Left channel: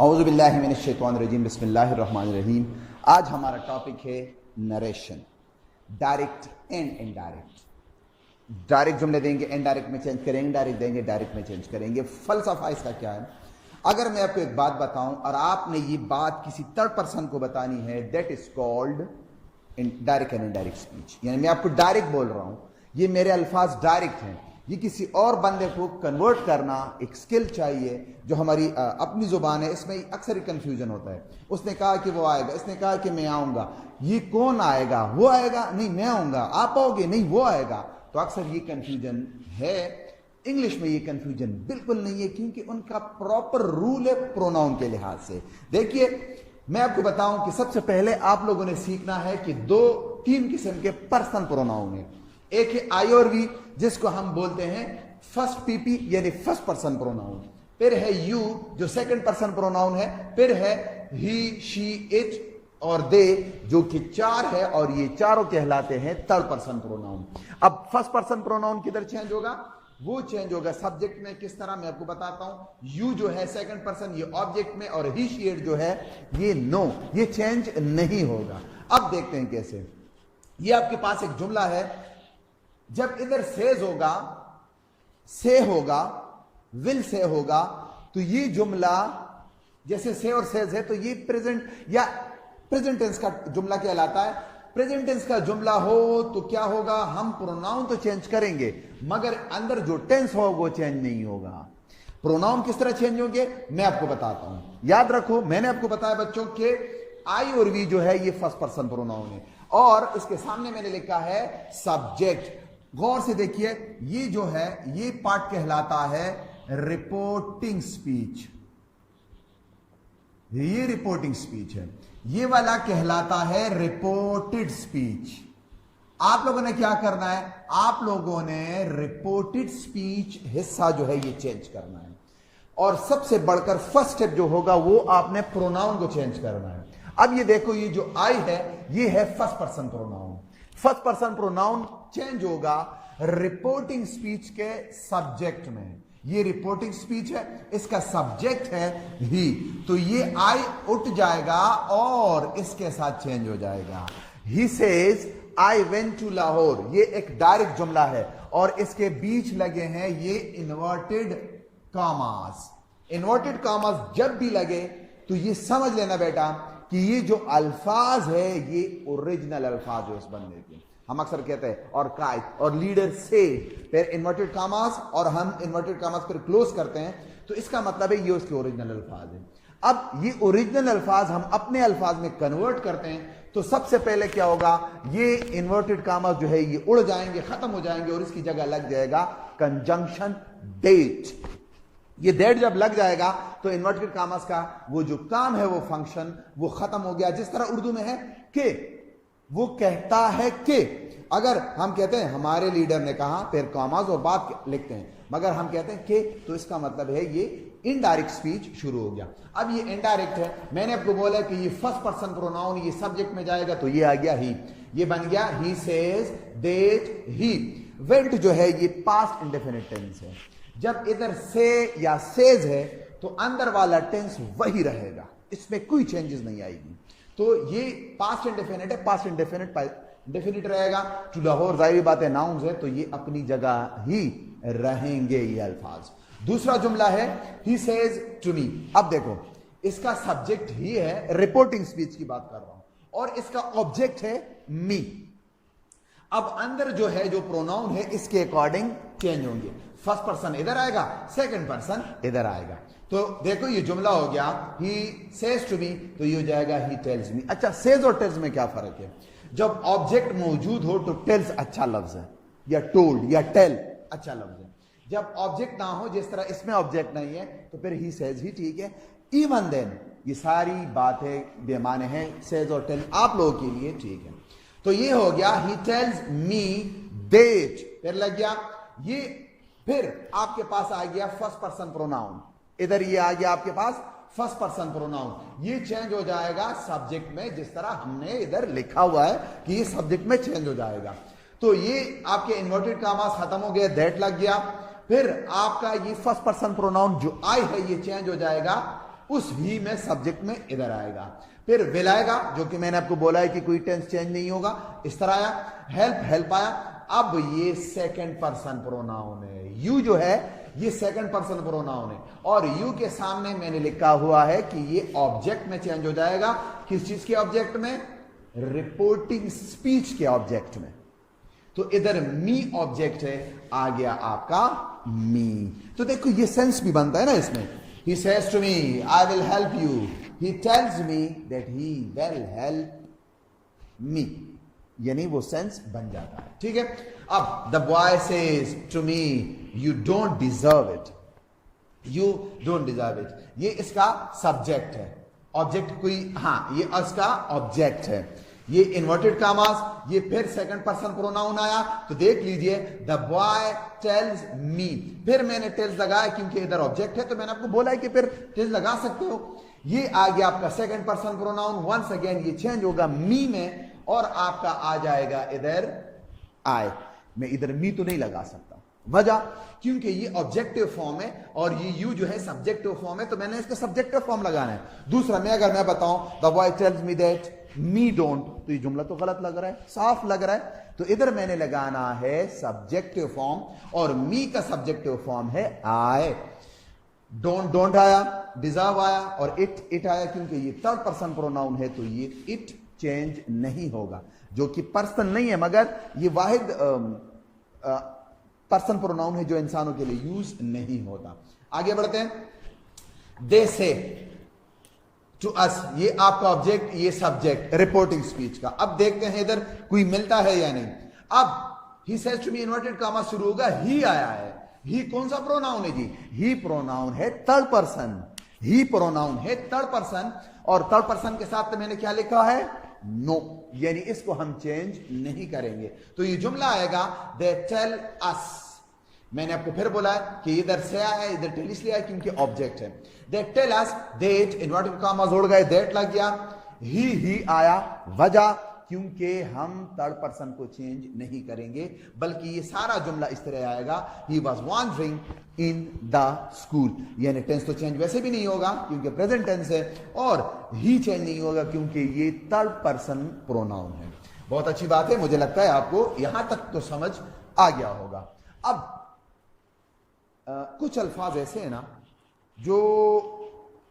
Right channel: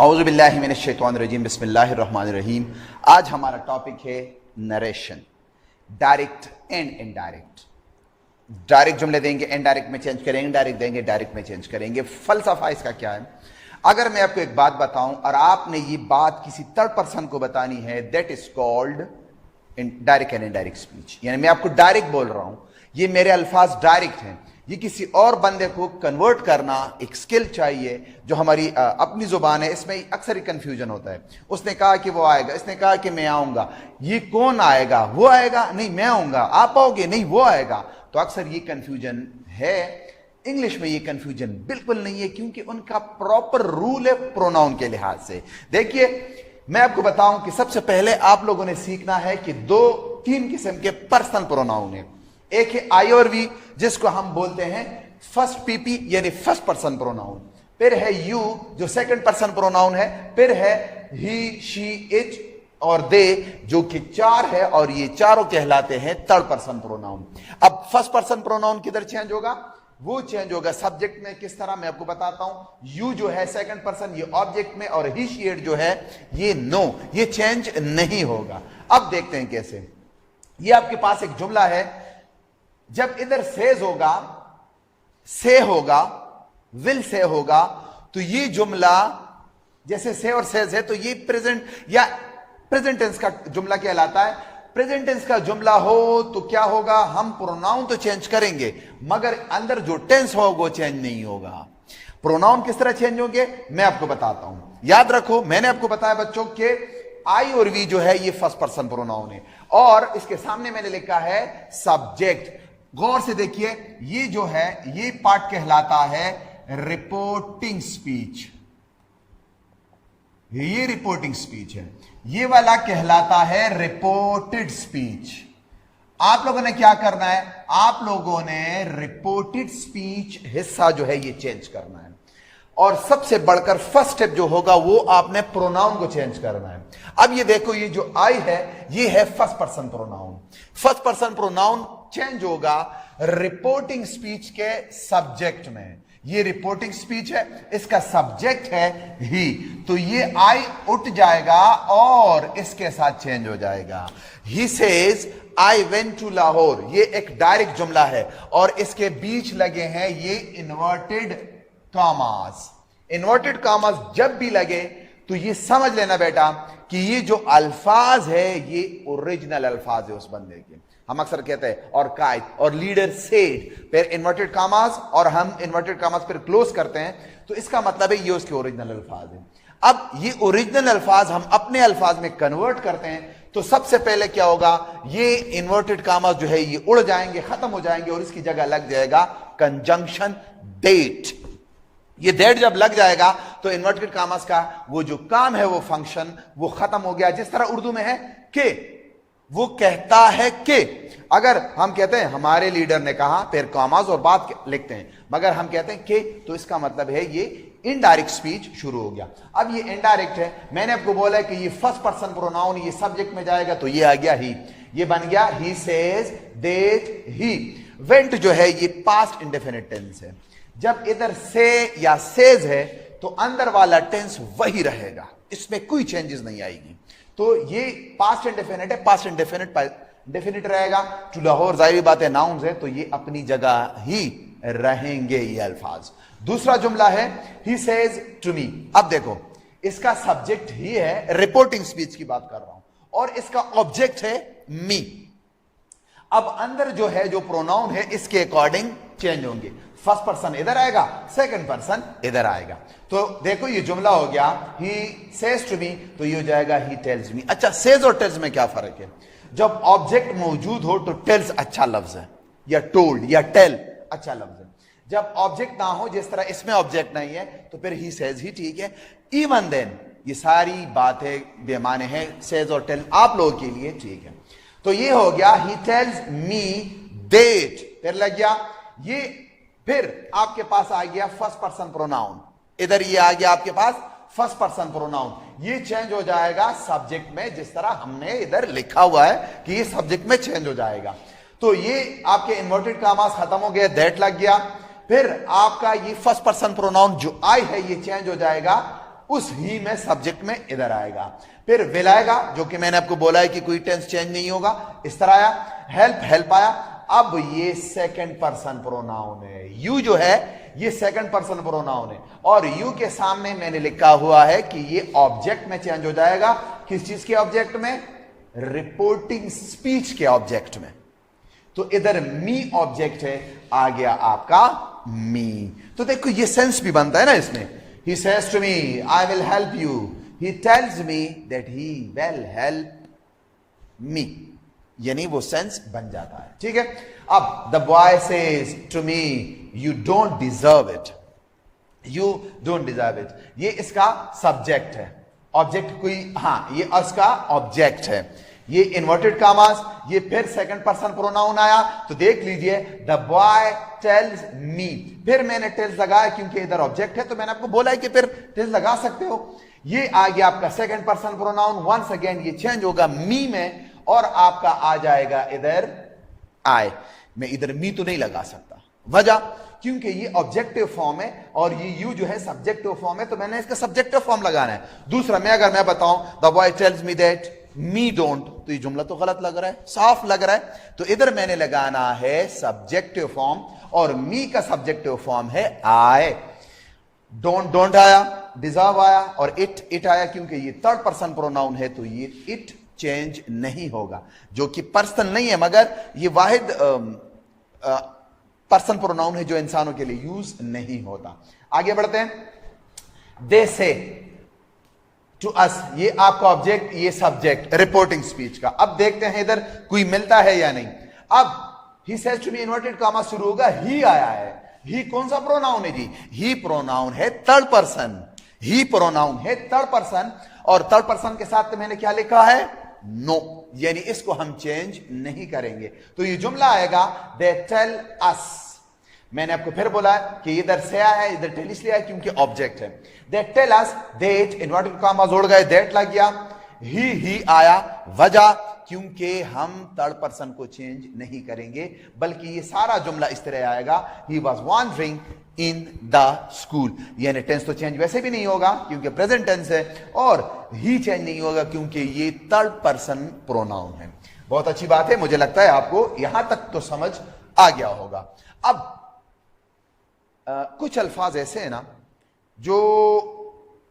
औज़ु बिल्लाहि मिनश्शैतानिर्रजीम बिस्मिल्लाहिर्रहमानिर्रहीम। आज हमारा टॉपिक है narration, direct and indirect. Direct जुमले देंगे, इनडायरेक्ट में चेंज करेंगे, इनडायरेक्ट देंगे, डायरेक्ट में चेंज करेंगे। फलसफा इसका क्या है? अगर मैं आपको एक बात बताऊं और आपने ये बात किसी थर्ड पर्सन को बतानी है, that is called direct and indirect speech. यानी मैं आपको डायरेक्ट बोल रहा हूं, ये मेरे अल्फाज डायरेक्ट हैं, ये किसी और बंदे को कन्वर्ट करना एक स्किल चाहिए जो हमारी अपनी जुबान है। इसमें अक्सर ही कंफ्यूजन होता है। उसने कहा कि वो आएगा, इसने कहा कि मैं आऊंगा, ये कौन आएगा? वो आएगा? नहीं मैं आऊंगा। आप आओगे? नहीं वो आएगा। तो अक्सर ये कंफ्यूजन है। इंग्लिश में ये कंफ्यूजन बिल्कुल नहीं है, क्योंकि उनका प्रॉपर रूल है प्रोनाउन के लिहाज से। देखिए मैं आपको बताऊं कि सबसे पहले आप लोगों ने सीखना है कि तीन किस्म के पर्सनल प्रोनाउन है। एक है आई और वी, जिसको हम बोलते हैं फर्स्ट पीपी यानी फर्स्ट पर्सन प्रोनाउन। फिर है यू जो सेकंड पर्सन प्रोनाउन है। फिर है ही, शी, इट और दे जो कि चार है, और ये चारों कहलाते हैं थर्ड पर्सन प्रोनाउन। अब फर्स्ट पर्सन प्रोनाउन किधर चेंज होगा? वो चेंज होगा सब्जेक्ट में। किस तरह? मैं आपको बताता हूं। यू जो है सेकंड पर्सन, ये ऑब्जेक्ट में, और ही, शी, इट जो है ये नो, ये चेंज नहीं होगा। अब देखते हैं कैसे। ये आपके पास एक जुमला है, जब इधर सेज होगा, से होगा, विल से होगा, तो ये जुमला जैसे से और सेज है तो ये प्रेजेंट या प्रेजेंट टेंस का जुमला कहलाता है। प्रेजेंट टेंस का जुमला हो तो क्या होगा? हम प्रोनाउन तो चेंज करेंगे, मगर अंदर जो टेंस हो वो चेंज नहीं होगा। प्रोनाउन किस तरह चेंज होंगे मैं आपको बताता हूं। याद रखो, मैंने आपको बताया बच्चों के आई और वी जो है ये फर्स्ट पर्सन प्रोनाउन है, और इसके सामने मैंने लिखा है सब्जेक्ट। गौर से देखिए, ये जो है ये पार्ट कहलाता है रिपोर्टिंग स्पीच। ये रिपोर्टिंग स्पीच है। ये वाला कहलाता है रिपोर्टेड स्पीच। आप लोगों ने क्या करना है? आप लोगों ने रिपोर्टेड स्पीच हिस्सा जो है ये चेंज करना है, और सबसे बढ़कर फर्स्ट स्टेप जो होगा वो आपने प्रोनाउन को चेंज करना है। अब ये देखो, ये जो आई है ये है first person pronoun. First person pronoun change होगा रिपोर्टिंग स्पीच के सब्जेक्ट में। ये रिपोर्टिंग स्पीच है, इसका सब्जेक्ट है ही, तो ये आई उठ जाएगा और इसके साथ चेंज हो जाएगा। He says I went to Lahore. ये एक डायरेक्ट जुमला है, और इसके बीच लगे हैं ये इन्वर्टेड कामास। इन्वर्टेड कामास जब भी लगे तो ये समझ लेना बेटा कि ये जो अल्फाज है ये ओरिजिनल अल्फाज है उस बंदे के। हम अक्सर कहते हैं और कायद और लीडर सेड, फिर इन्वर्टेड कामास, और हम इन्वर्टेड कामास फिर क्लोज करते हैं, तो इसका मतलब है ये उसके ओरिजिनल अल्फाज है। अब ये ओरिजिनल अल्फाज हम अपने अल्फाज में कन्वर्ट करते हैं, तो सबसे पहले क्या होगा? ये इन्वर्टेड कामास जो है ये उड़ जाएंगे, खत्म हो जाएंगे, और इसकी जगह लग जाएगा कंजंक्शन डेट। ये डेट जब लग जाएगा तो इन्वर्टेड कामास का वो जो काम है, वो फंक्शन, वो खत्म हो गया। जिस तरह उर्दू में है कि वो कहता है कि, अगर हम कहते हैं हमारे लीडर ने कहा, फिर कामास और बात लिखते हैं, मगर हम कहते हैं कि, तो इसका मतलब है ये इनडायरेक्ट स्पीच शुरू हो गया। अब ये इनडायरेक्ट है। मैंने आपको बोला है कि ये फर्स्ट पर्सन प्रोनाउन ये सब्जेक्ट में जाएगा, तो ये आ गया ही, ये बन गया he says, that, he. Went जो है ये पास्ट इंडेफिनिट टेंस है। जब इधर से या सेज है तो अंदर वाला टेंस वही रहेगा, इसमें कोई चेंजेस नहीं आएगी। तो ये पास्ट इंडेफिनिट है, पास्ट इंडेफिनिट डेफिनिट रहेगा। टू लाहौर जाहिर बात है नाउन्स है, तो ये अपनी जगह ही रहेंगे ये अल्फाज। दूसरा जुमला है ही सेज टू मी। अब देखो, इसका सब्जेक्ट ही है, रिपोर्टिंग स्पीच की बात कर रहा हूं, और इसका ऑब्जेक्ट है मी। अब अंदर जो है जो प्रोनाउन है इसके अकॉर्डिंग चेंज होंगे। फर्स्ट पर्सन इधर आएगा, सेकंड पर्सन इधर आएगा। तो देखो ये जुमला हो गया ही सेज टू मी, तो ये हो जाएगा ही टेल्स मी। अच्छा, सेज और टेल्स में क्या फर्क है? जब ऑब्जेक्ट मौजूद हो तो टेल्स अच्छा लफ्ज है, या टोल्ड या टेल अच्छा लफ्ज है। जब ऑब्जेक्ट ना हो, जिस तरह इसमें ऑब्जेक्ट नहीं है, तो फिर ही सेज ही ठीक है। इवन देन ये सारी बातें बेमाने हैं, सेज और टेल आप लोगों के लिए ठीक है। तो ये हो गया ही टेल्स मी दैट, फिर लग गया ये, फिर आपके पास आ गया फर्स्ट पर्सन प्रोनाउन। इधर ये आ गया आपके पास फर्स्ट पर्सन प्रोनाउन, ये चेंज हो जाएगा सब्जेक्ट में, जिस तरह हमने इधर लिखा हुआ है कि ये सब्जेक्ट में चेंज हो जाएगा। तो ये आपके इन्वर्टेड कामास खत्म हो गए, दैट लग गया। फिर आपका ये फर्स्ट पर्सन प्रोनाउन जो आई है ये चेंज हो जाएगा उस ही में सब्जेक्ट में इधर आएगा। फिर विल आएगा, जो कि मैंने आपको बोला है कि कोई टेंस चेंज नहीं होगा, इस तरह आया। हेल्प, हेल्प आया। अब ये सेकंड पर्सन प्रोनाउन है, यू जो है ये सेकंड पर्सन प्रोनाउन है, और यू के सामने मैंने लिखा हुआ है कि ये ऑब्जेक्ट में चेंज हो जाएगा। किस चीज के ऑब्जेक्ट में? रिपोर्टिंग स्पीच के ऑब्जेक्ट में। तो इधर मी ऑब्जेक्ट है, आ गया आपका मी। तो देखो ये सेंस भी बनता है ना इसमें। He says to me, I will help you. He tells me that he will help me. यानी वो सेंस बन जाता है, ठीक है। अब the boy says to me, you don't deserve it. You don't deserve it. ये इसका सब्जेक्ट है, ऑब्जेक्ट कोई, हाँ ये उसका ऑब्जेक्ट है। ये इन्वर्टेड कामास, ये फिर सेकंड पर्सन प्रोनाउन आया। तो देख लीजिए, द बॉय टेल्स मी, फिर मैंने टेल्स लगाया क्योंकि इधर ऑब्जेक्ट है, तो मैंने आपको बोला है कि फिर टेल्स लगा सकते हो। ये आ गया आपका second person pronoun. Once again ये चेंज होगा मी में, और आपका आ जाएगा इधर आई। मैं इधर मी तो नहीं लगा सकता, वजह क्योंकि ये ऑब्जेक्टिव फॉर्म है और ये यू जो है सब्जेक्टिव फॉर्म है, तो मैंने इसका सब्जेक्टिव फॉर्म लगाना है। दूसरा, अगर मैं बताऊं the boy tells me that me don't, तो ये जुमला तो गलत लग रहा है, साफ लग रहा है। तो इधर मैंने लगाना है सब्जेक्टिव फॉर्म, और मी का सब्जेक्टिव फॉर्म है आई। डोंट आया, डिजर्व आया, और इट आया क्योंकि ये थर्ड पर्सन प्रोनाउन है, तो ये इट चेंज नहीं होगा, जो कि पर्सन नहीं है, मगर ये वाहिद पर्सन प्रोनाउन है जो इंसानों के लिए यूज नहीं होता। आगे बढ़ते हैं। दे से टू अस, ये आपका ऑब्जेक्ट, ये सब्जेक्ट रिपोर्टिंग स्पीच का। अब देखते हैं इधर कोई मिलता है या नहीं। अब he says to me, inverted comma शुरू होगा, ही आया है। ही कौन सा प्रोनाउन है जी? ही प्रोनाउन है थर्ड पर्सन। ही प्रोनाउन है थर्ड पर्सन, और थर्ड पर्सन के साथ मैंने क्या लिखा है? नो, यानी इसको हम चेंज नहीं करेंगे। तो ये जुमला आएगा, दे टेल अस। मैंने आपको फिर बोला कि इधर से आया है, इधर टेल इसलिए आया क्योंकि ऑब्जेक्ट है। They tell us that, inverted comma जोड़ गए, दैट लग गया। ही आया, वजह क्योंकि हम थर्ड पर्सन को चेंज नहीं करेंगे, बल्कि ये सारा जुमला इस तरह आएगा, he was wandering in the school. यानी टेंस तो चेंज वैसे भी नहीं होगा क्योंकि प्रेजेंट टेंस है, और ही चेंज नहीं होगा क्योंकि ये थर्ड पर्सन प्रोनाउन है। बहुत अच्छी बात है, मुझे लगता है आपको यहां तक तो समझ आ गया होगा। अब कुछ अल्फाज ऐसे हैं ना जो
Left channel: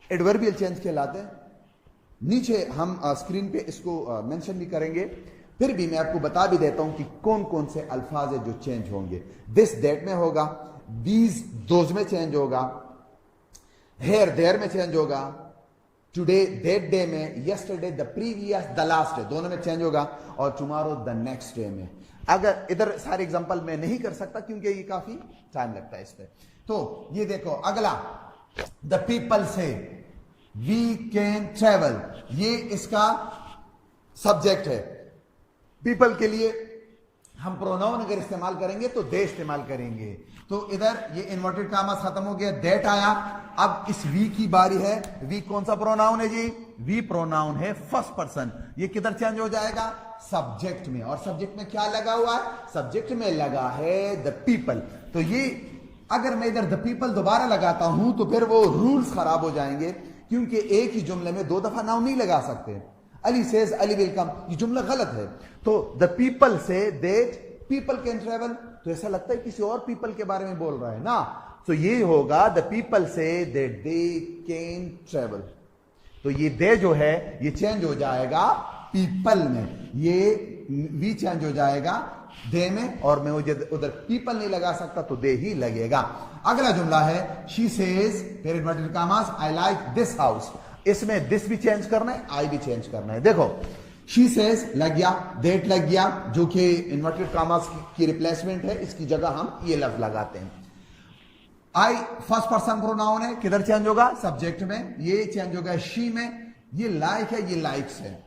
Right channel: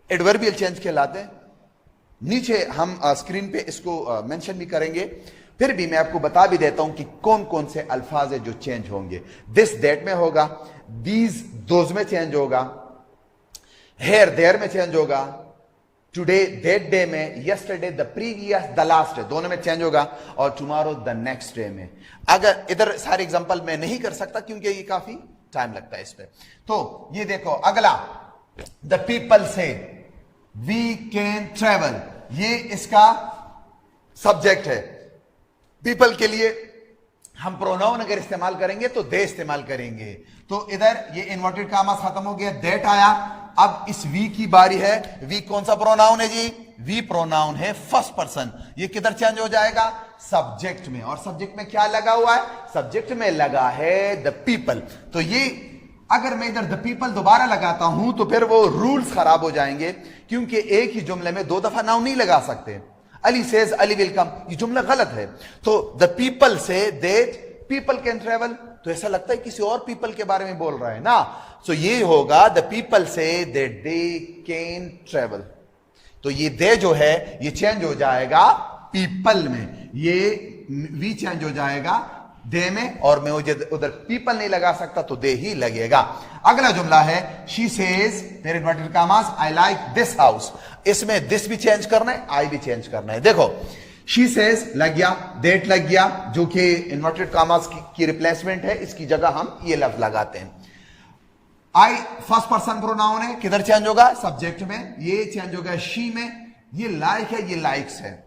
एडवर्बियल चेंज कहलाते हैं। नीचे हम स्क्रीन पे इसको मेंशन भी करेंगे, फिर भी मैं आपको बता भी देता हूं कि कौन कौन से अल्फाज है जो चेंज होंगे। दिस दैट में होगा, दीज दोज में चेंज होगा, हेयर देयर में चेंज होगा, टुडे दैट डे में, yesterday the previous the last day, दोनों में चेंज होगा, और टुमारो द नेक्स्ट डे में। अगर इधर सारे एग्जांपल मैं नहीं कर सकता क्योंकि ये काफी टाइम लगता है इस पे। तो ये देखो अगला, द पीपल से वी कैन ट्रेवल, ये इसका सब्जेक्ट है। पीपल के लिए हम प्रोनाउन अगर इस्तेमाल करेंगे तो दे इस्तेमाल करेंगे। तो इधर ये इन्वर्टेड कामास खत्म हो गया, दैट आया। अब इस वी की बारी है। वी कौन सा प्रोनाउन है जी? वी प्रोनाउन है फर्स्ट पर्सन। ये किधर चेंज हो जाएगा? सब्जेक्ट में। और सब्जेक्ट में क्या लगा हुआ है? सब्जेक्ट में लगा है द पीपल। तो ये अगर मैं इधर द पीपल दोबारा लगाता हूं तो फिर वो रूल्स खराब हो जाएंगे, क्योंकि एक ही जुमले में दो दफा नाउन नहीं लगा सकते। Ali says Ali will come, ये जुमला गलत है। तो the people say that people can travel, तो ऐसा लगता है किसी और पीपल के बारे में बोल रहा है ना। सो ये होगा the people say that they can travel. तो ये दे जो है ये चेंज हो जाएगा पीपल में, ये वी चेंज हो जाएगा दे में, और मैं उधर पीपल नहीं लगा सकता तो दे ही लगेगा। अगला जुमला है शी सेज, मेरे इन्वर्टेड कामास, आई लाइक दिस हाउस। इसमें दिस भी चेंज करना है, आई भी चेंज करना है। देखो शी सेज लग गया, दैट लग गया, जो कि इन्वर्टेड कामास की रिप्लेसमेंट है, इसकी जगह हम ये लफ्ज लगाते हैं। आई फर्स्ट पर्सन प्रोनाउन है, किधर चेंज होगा? सब्जेक्ट में। ये चेंज होगा शी में। ये लाइक है, ये लाइक्स है।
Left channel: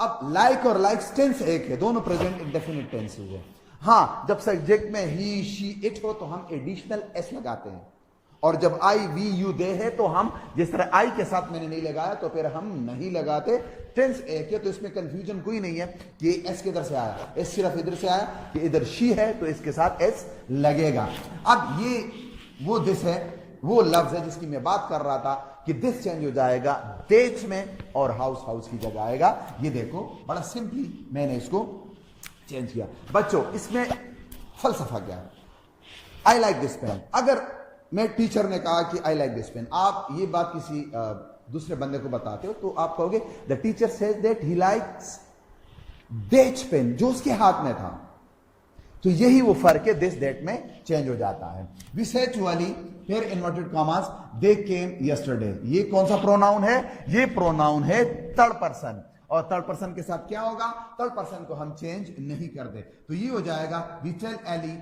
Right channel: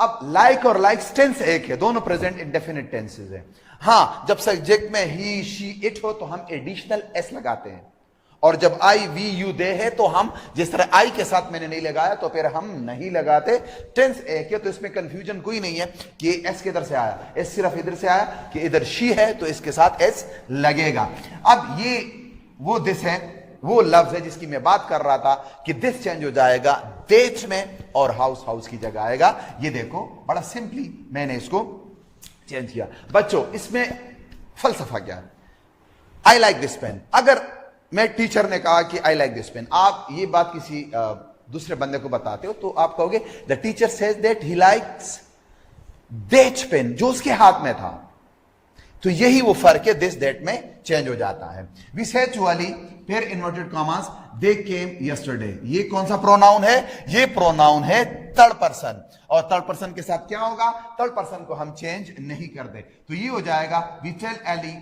अब लाइक और लाइक्स टेंस एक है, दोनों प्रेजेंट इंडेफिनिट टेंसेस है। हाँ, जब सब्जेक्ट में ही शी इट हो तो हम एडिशनल एस लगाते हैं, और जब आई वी यू दे है तो हम, जिस तरह आई के साथ मैंने नहीं लगाया तो फिर हम नहीं लगाते। टेंस एक है तो इसमें कंफ्यूजन कोई नहीं है कि एस किधर से आया। एस सिर्फ इधर से आया कि इधर शी है तो इसके साथ एस लगेगा। अब ये वो दिस है, वो लफ्ज है जिसकी मैं बात कर रहा था कि दिस चेंज हो जाएगा देट में और हाउस हाउस की जगह आएगा। ये देखो बड़ा सिंपली मैंने इसको चेंज किया। बच्चों इसमें फलसफा क्या है? I like this pen. अगर मैं टीचर ने कहा कि आई लाइक दिस पेन, आप ये बात किसी दूसरे बंदे को बताते हो तो आप कहोगे the teacher says that he likes that pain, जो उसके हाथ में था। तो यही वो फर्क है, दिस दैट में चेंज हो जाता है। वी सेड टू अली, फिर इन्वर्टेड कॉमास, दे केम यस्टरडे। ये कौन सा प्रोनाउन है? ये प्रोनाउन है थर्ड पर्सन, और थर्ड पर्सन के साथ क्या होगा? थर्ड पर्सन को हम चेंज नहीं कर दे, तो ये हो जाएगा we tell Ali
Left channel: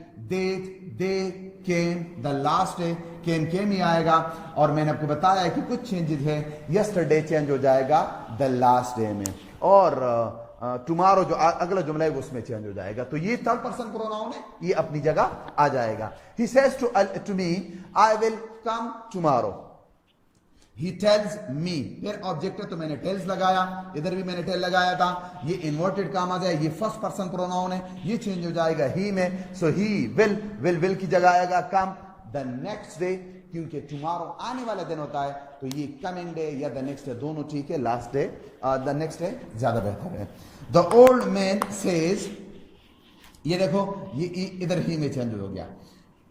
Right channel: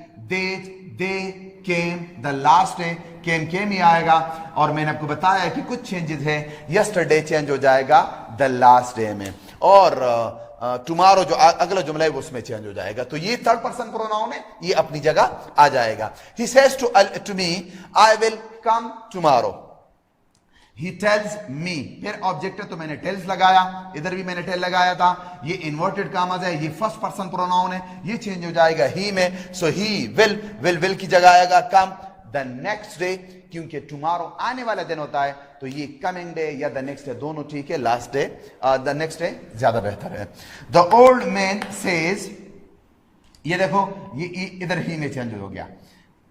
they came the last day. Came ही आएगा, और मैंने आपको बताया कि कुछ चेंजेस है। यस्टरडे चेंज हो जाएगा द लास्ट डे में, और टुमारो जो अगला जुमला है वो उसमें चेंज हो जाएगा। तो ये थर्ड पर्सन प्रोनाउन है, ये अपनी जगह आ जाएगा। He says to me I will come tomorrow. He tells me, फिर ऑब्जेक्ट है तो मैंने टेल्स लगाया, इधर भी मैंने टेल लगाया था। ये इन्वर्टेड कॉमास है, ये फर्स्ट पर्सन प्रोनाउन है, ये चेंज हो जाएगा ही में। सो ही विल की जगह आएगा कम द नेक्स्ट डे, क्योंकि टुमारो आने वाला दिन होता है, तो ये कमिंग डे या द नेक्स्ट डे दोनों ठीक है। Last day the next day ज्यादा बेहतर है। द ओल्ड मैन सेज, ये देखो ये इधर ही में चेंज हो गया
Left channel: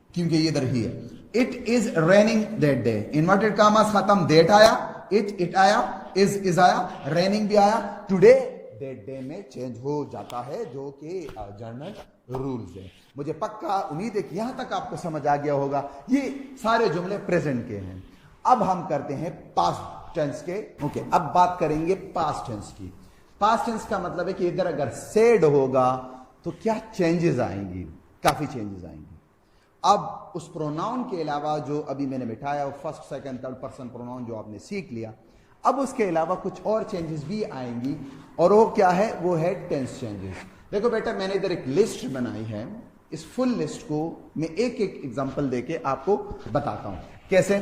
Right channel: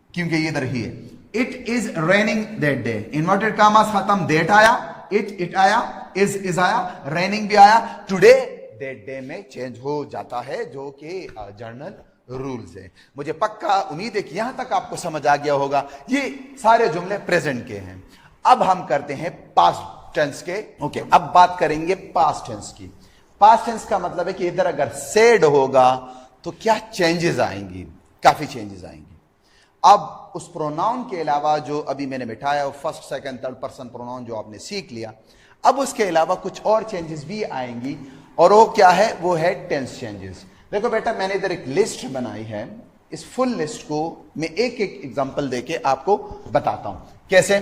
क्योंकि ये इधर ही है। It is raining that day, inverted commas खत्म, दैट आया, इट आया, इज आया, रेनिंग भी आया। टुडे दैट डे में चेंज हो जाता है, जो कि जर्नल रूल्स है। मुझे पक्का उम्मीद है कि यहां तक आपको समझ आ गया होगा। ये सारे जुमले प्रेजेंट के हैं। अब हम करते हैं पास्ट टेंस के। ओके, अब बात करेंगे पास्ट टेंस की। पास्ट टेंस का मतलब है कि इधर अगर सेड होगा तो क्या चेंजेस आएंगी? काफी चेंजेस आएंगी। अब उस प्रोनाउन के अलावा जो अभी मैंने बिठाया, first second third person pronoun जो आपने सीख लिया, अब उसके अलावा कुछ और चेंजेस भी आएंगी, और वो क्या है? वो है टेंस चेंजेस। देखो बेटा, मैंने इधर एक लिस्ट बनाई है। इस फुल लिस्ट को मैं एक एक एग्जांपल देके आपको बताता हूं कैसे।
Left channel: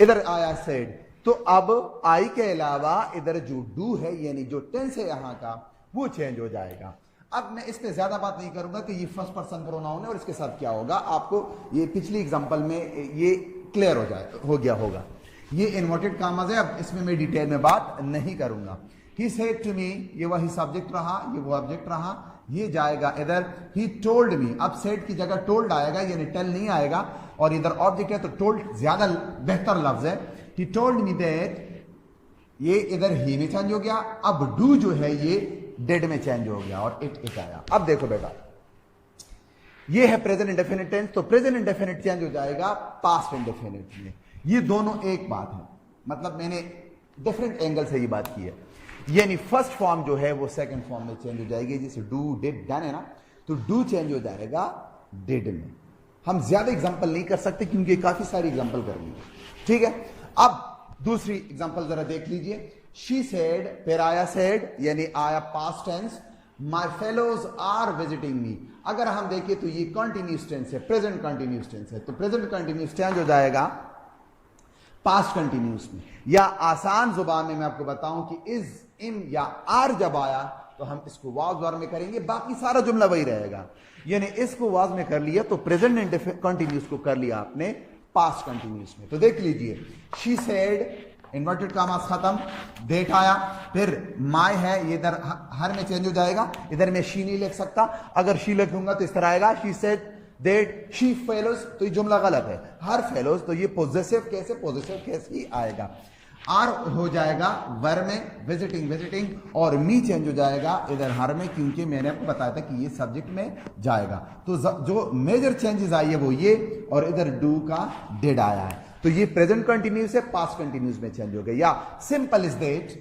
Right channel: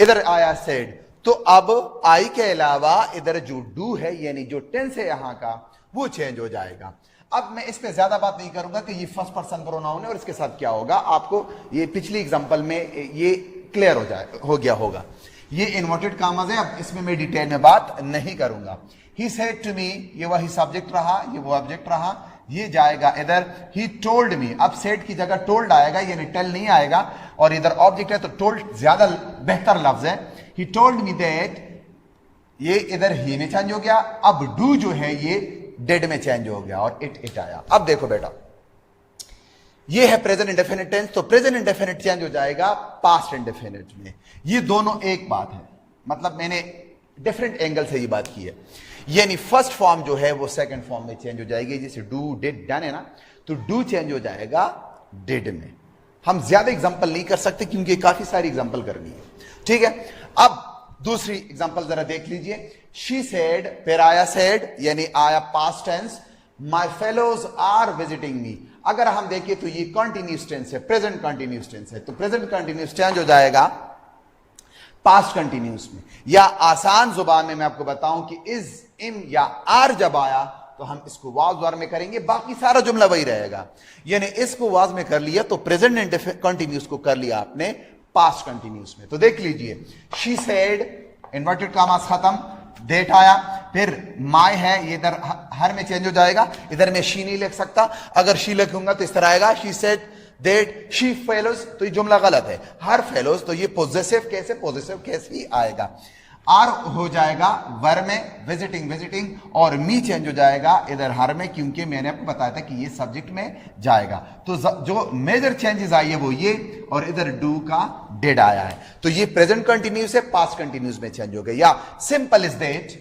इधर आया सेड, तो अब आई के अलावा इधर जो डू है, यानी जो टेंस है यहां का, वो चेंज हो जाएगा। अब मैं इस पे ज्यादा बात नहीं करूंगा कि ये फर्स्ट पर्सन प्रोनाउन है और इसके साथ क्या होगा। आपको ये पिछली एग्जांपल में ये क्लियर हो गया होगा। ये इन्वर्टेड कॉमास है, अब इसमें मैं डिटेल में बात नहीं करूंगा। ही सेड टू मी, ये वही सब्जेक्ट रहा, ये वो ऑब्जेक्ट रहा, ये जाएगा इधर। ही टोल्ड मी, अब सेड की जगह टोल्ड आएगा, यानी टेल नहीं आएगा, और इधर ऑब्जेक्ट है तो टोल्ड ज्यादा बेहतर लफ्ज है। ही टोल्ड मी दैट, ये इधर ही में चेंज हो गया। अब डू जो है ये डेड में चेंज हो गया, और इट आया। अब देखो बेटा, ये है प्रेजेंट इंडेफिनिट टेंस, तो प्रेजेंट इंडेफिनिट चेंज हो जाएगा पास्ट इंडेफिनिट में। ये दोनों एक बात है, मतलब मैंने डिफरेंट एंगल से ये बात की है। यानी फर्स्ट फॉर्म जो है वो सेकंड फॉर्म में चेंज हो जाएगी। जैसे डू डिड डन है ना, तो डू चेंज हो जाएगा डिड में। हम ज्यादा एग्जांपल नहीं कर सकते क्योंकि काफी सारी एग्जांपल करनी है, ठीक है। अब दूसरी एग्जांपल जरा देख लीजिए। शी सेड, फिर आया सेड, यानी आया past tense, my fellows are visiting me. अगर हम देखें तो ये कंटिन्यूअस टेंस है, प्रेजेंट कंटिन्यूअस टेंस है, तो प्रेजेंट कंटिन्यूअस चेंज हो जाएगा पास्ट कंटिन्यूअस में। या आसान जुबान में मैं आपको बताऊं कि इज, इम या आर जब आया तो हम इसको वाज वार में करेंगे, बाकी सारा जुमला वही रहेगा। यानी इसको वाज में कर लिया तो प्रेजेंट कंटिन्यूअस को कर लिया आपने पास्ट कंटिन्यूअस में। तो देख लीजिए, शी सेड, इन्वर्टेड कॉमास खत्म, दैट आया, फिर माय है, ये इधर हर में चेंज हो जाएगा। इधर मैं शी नहीं लिख सकता, अगर शी लिखूंगा तो इस तरह आएगा, she said that she fellows, तो ये जुमला गलत है। हर फेलोज, तो ये पॉजिटिव केस ही आएगा। आर हो जाएगा वर में, विजिटिंग, और मी चेंज हो जाएगा इधर हर में, क्योंकि मैंने आपको बताया था कि ये सब्जेक्ट में जाएगा। तो जो मेजर चेंजेस आई है वो ये, और इधर डू का डिड आया है। तो ये प्रेजेंट कंटिन्यूस है, पास्ट कंटिन्यूस में चेंज हो गया। या सिंपल इज दैट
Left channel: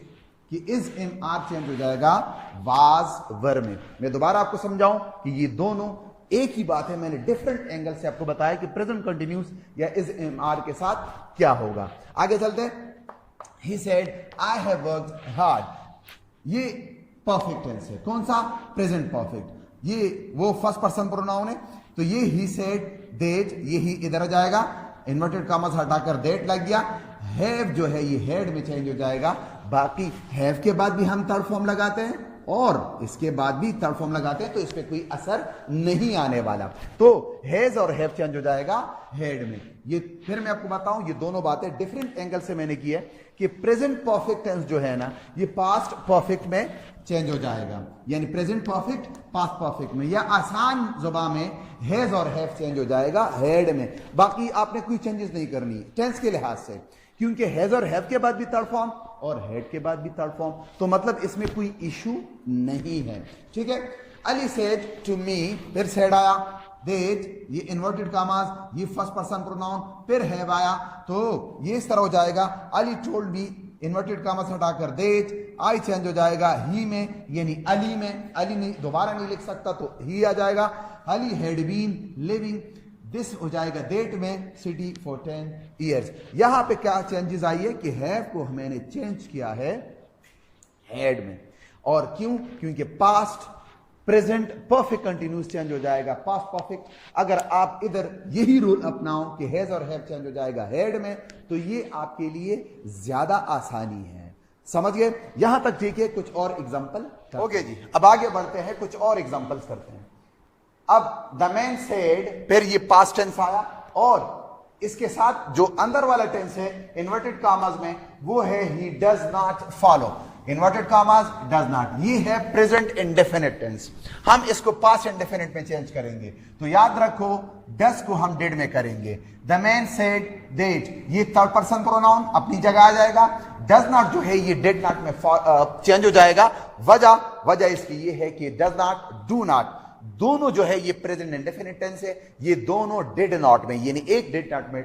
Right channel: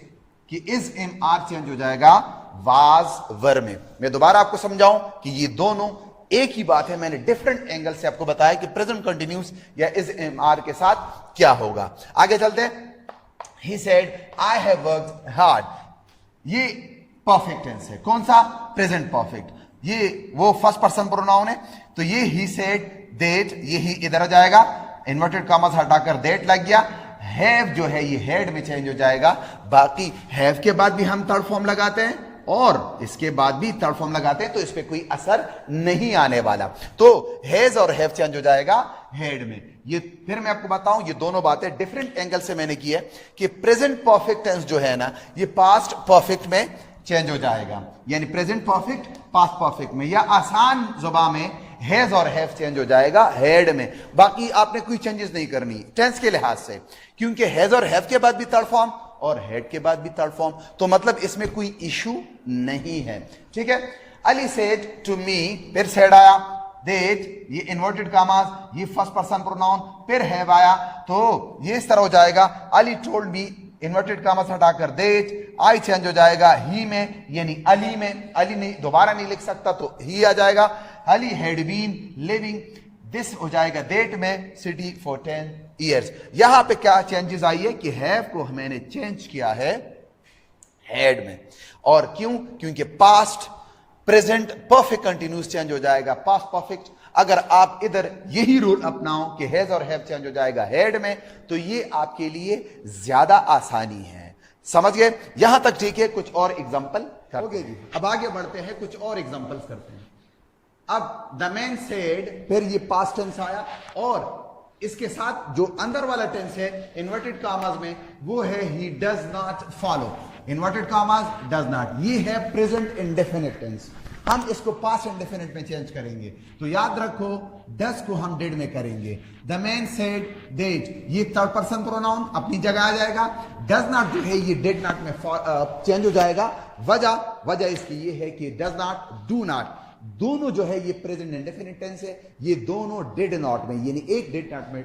कि इज, इम, आर चेंज हो जाएगा वाज वर में। मैं दोबारा आपको समझाऊं कि ये दोनों एक ही बात है। मैंने डिफरेंट एंगल से आपको बताया कि प्रेजेंट कंटिन्यूस या इज, इम, आर के साथ क्या होगा। आगे चलते हैं। He said, I have worked hard. ये परफेक्ट टेंस है, कौन सा? Present perfect. ये वो फर्स्ट पर्सन प्रोनाउन है, तो ये he said that, ये ही इधर आ जाएगा, इन्वर्टेड कॉमास हटाकर that लग गया। हैव जो है ये हैड में चेंज हो जाएगा। बाकी हैव के बाद भी हम थर्ड फॉर्म लगाते हैं, और इसके बाद भी थर्ड फॉर्म लगाते हैं तो इस पे कोई असर नहीं आने वाला। तो हैज और हैव चेंज हो जाएगा हैड में। ये फिर मैं आपको बताऊं, ये दोनों बातें डिफरेंट एंगल से मैंने की है कि प्रेजेंट परफेक्ट टेंस जो है ना, ये पास्ट परफेक्ट में चेंज हो जाएगा, यानी प्रेजेंट परफेक्ट पास्ट परफेक्ट में, या आसान जुबान में हैज और हैव चेंज हो जाएगा हैड में। बाकी आपने कोई चेंजेस नहीं करनी टेंस के लिहाज से, क्योंकि हैज और हैव के बाद भी थर्ड फॉर्म और हैड के बाद भी थर्ड फॉर्म, तो मतलब इसमें कोई इशू नहीं है। ठीक है। अली सेड टू मी, फिर सेड आया, दैट ये इन्वर्टेड कामास, ये फर्स्ट पर्सन प्रोनाउन, फिर हैव आया, तो ये इस तरह हो जाएगा। अली टोल्ड मी, इन्वर्टेड कामास हटाकर दैट, आई चेंज हो जाएगा ही में, यानी अली में। अली नहीं दोबारा नहीं लिख सकता तो ही आ जाएगा। Ali had been living, this हो जाएगा दैट में, सिटी फॉर 10 ईयर्स। यहां पे क्या चेंजेस आई है कि हैव को मैंने चेंज किया है हैड में। और क्यों? क्योंकि past present perfect continuous change हो जाएगा पास्ट परफेक्ट। अगर आप इधर यही रूल अपनाओ कि हैज और हैव चेंज हो जाएगा हैड में, तो ये आपके लिए ज्यादा आसानी है। समझ गए? यहां तक ठीक है। कुछ और एग्जांपल ओके जी। अब आगे बढ़ते हैं, कुछ और एग्जांपल्स करते हैं। अब द मैन सेड, फिर ये पास्ट टेंस आया और इसके साथ जो अंदर वाला टेंस है इन्वर्टेड कामास में, वो है he does not follow. Inverted कामास डज नॉट, ये है प्रेजेंट इंडेफिनिट टेंस। हम इसको पास्ट इंडेफिनिट में चेंज करेंगे, तो याद रखो डज को हम डिड में करेंगे। द मैन सेड दैट, ये थर्ड पर्सन प्रोनाउन अपनी जगह आ जाएगा। डज नॉट जो है ये डिड नॉट में चेंज हो जाएगा। वजह इसकी ये है कि डज नॉट, डू नॉट, दोनों जो है ये प्रेजेंट इंडेफिनिट टेंस है, ये दोनों डिड नॉट में, यानी एक डिड नॉट में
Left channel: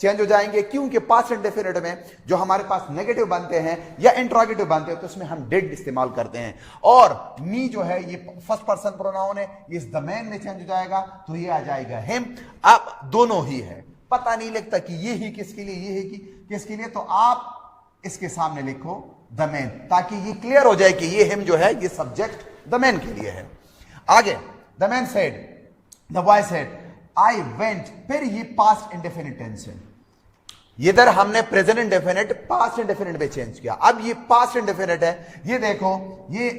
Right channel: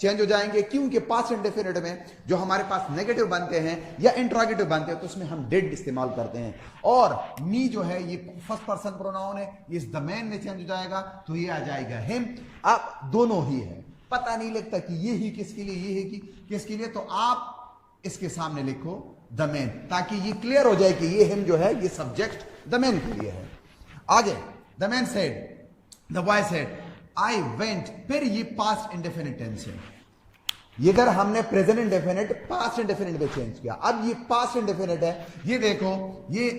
चेंज हो जाएंगे। क्योंकि पास्ट इंडेफिनिट में जो हमारे पास नेगेटिव बनते हैं या इंट्रोगेटिव बनते हैं तो उसमें हम डिड इस्तेमाल करते हैं। और मी जो है ये फर्स्ट पर्सन प्रोनाउन है, ये इस द मैन में चेंज हो जाएगा, तो ये आ जाएगा हिम। अब दोनों ही है, पता नहीं लगता कि ये ही किसके लिए, ये है कि किसके लिए, तो आप इसके सामने लिखो द मैन, ताकि ये क्लियर हो जाए कि ये हिम जो है ये सब्जेक्ट द मैन के लिए है। आगे the man said, the boy said I went, फिर ये पास्ट इंडेफिनिट टेंस है। इधर हमने प्रेजेंट इंडेफिनिट पास्ट इंडेफिनिट में चेंज किया। अब ये पास्ट इंडेफिनिट है, ये देखो ये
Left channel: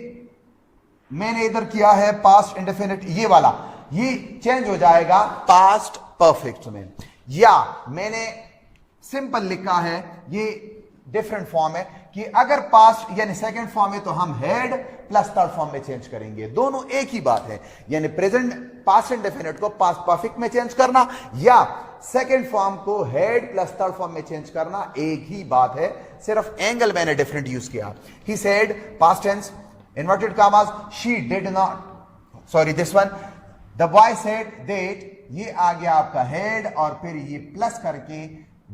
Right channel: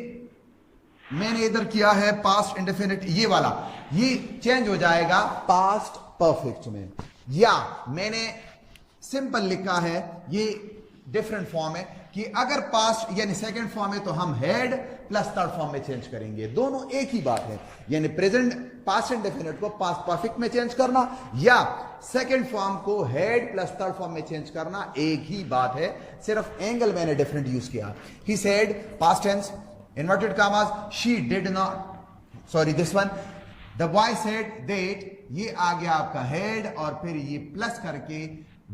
मैंने इधर किया है पास्ट इंडेफिनिट, ये वाला ये चेंज हो जाएगा पास्ट परफेक्ट में। या मैंने सिंपल लिखा है, ये डिफरेंट फॉर्म है कि अगर पास्ट यानी सेकंड फॉर्म है तो हम हैड प्लस थर्ड फॉर्म में चेंज करेंगे, दोनों एक ही बात है। यानी प्रेजेंट पास्ट इंडेफिनिट को पास्ट परफेक्ट में चेंज करना या सेकंड फॉर्म को हैड प्लस थर्ड फॉर्म में चेंज करना, एक ही बात है, सिर्फ एंगल मैंने डिफरेंट यूज किया। He said past tense inverted commas, she did not, sorry this one, the boy said that, ये आ गया आपका हैड और फिर ये प्लस करके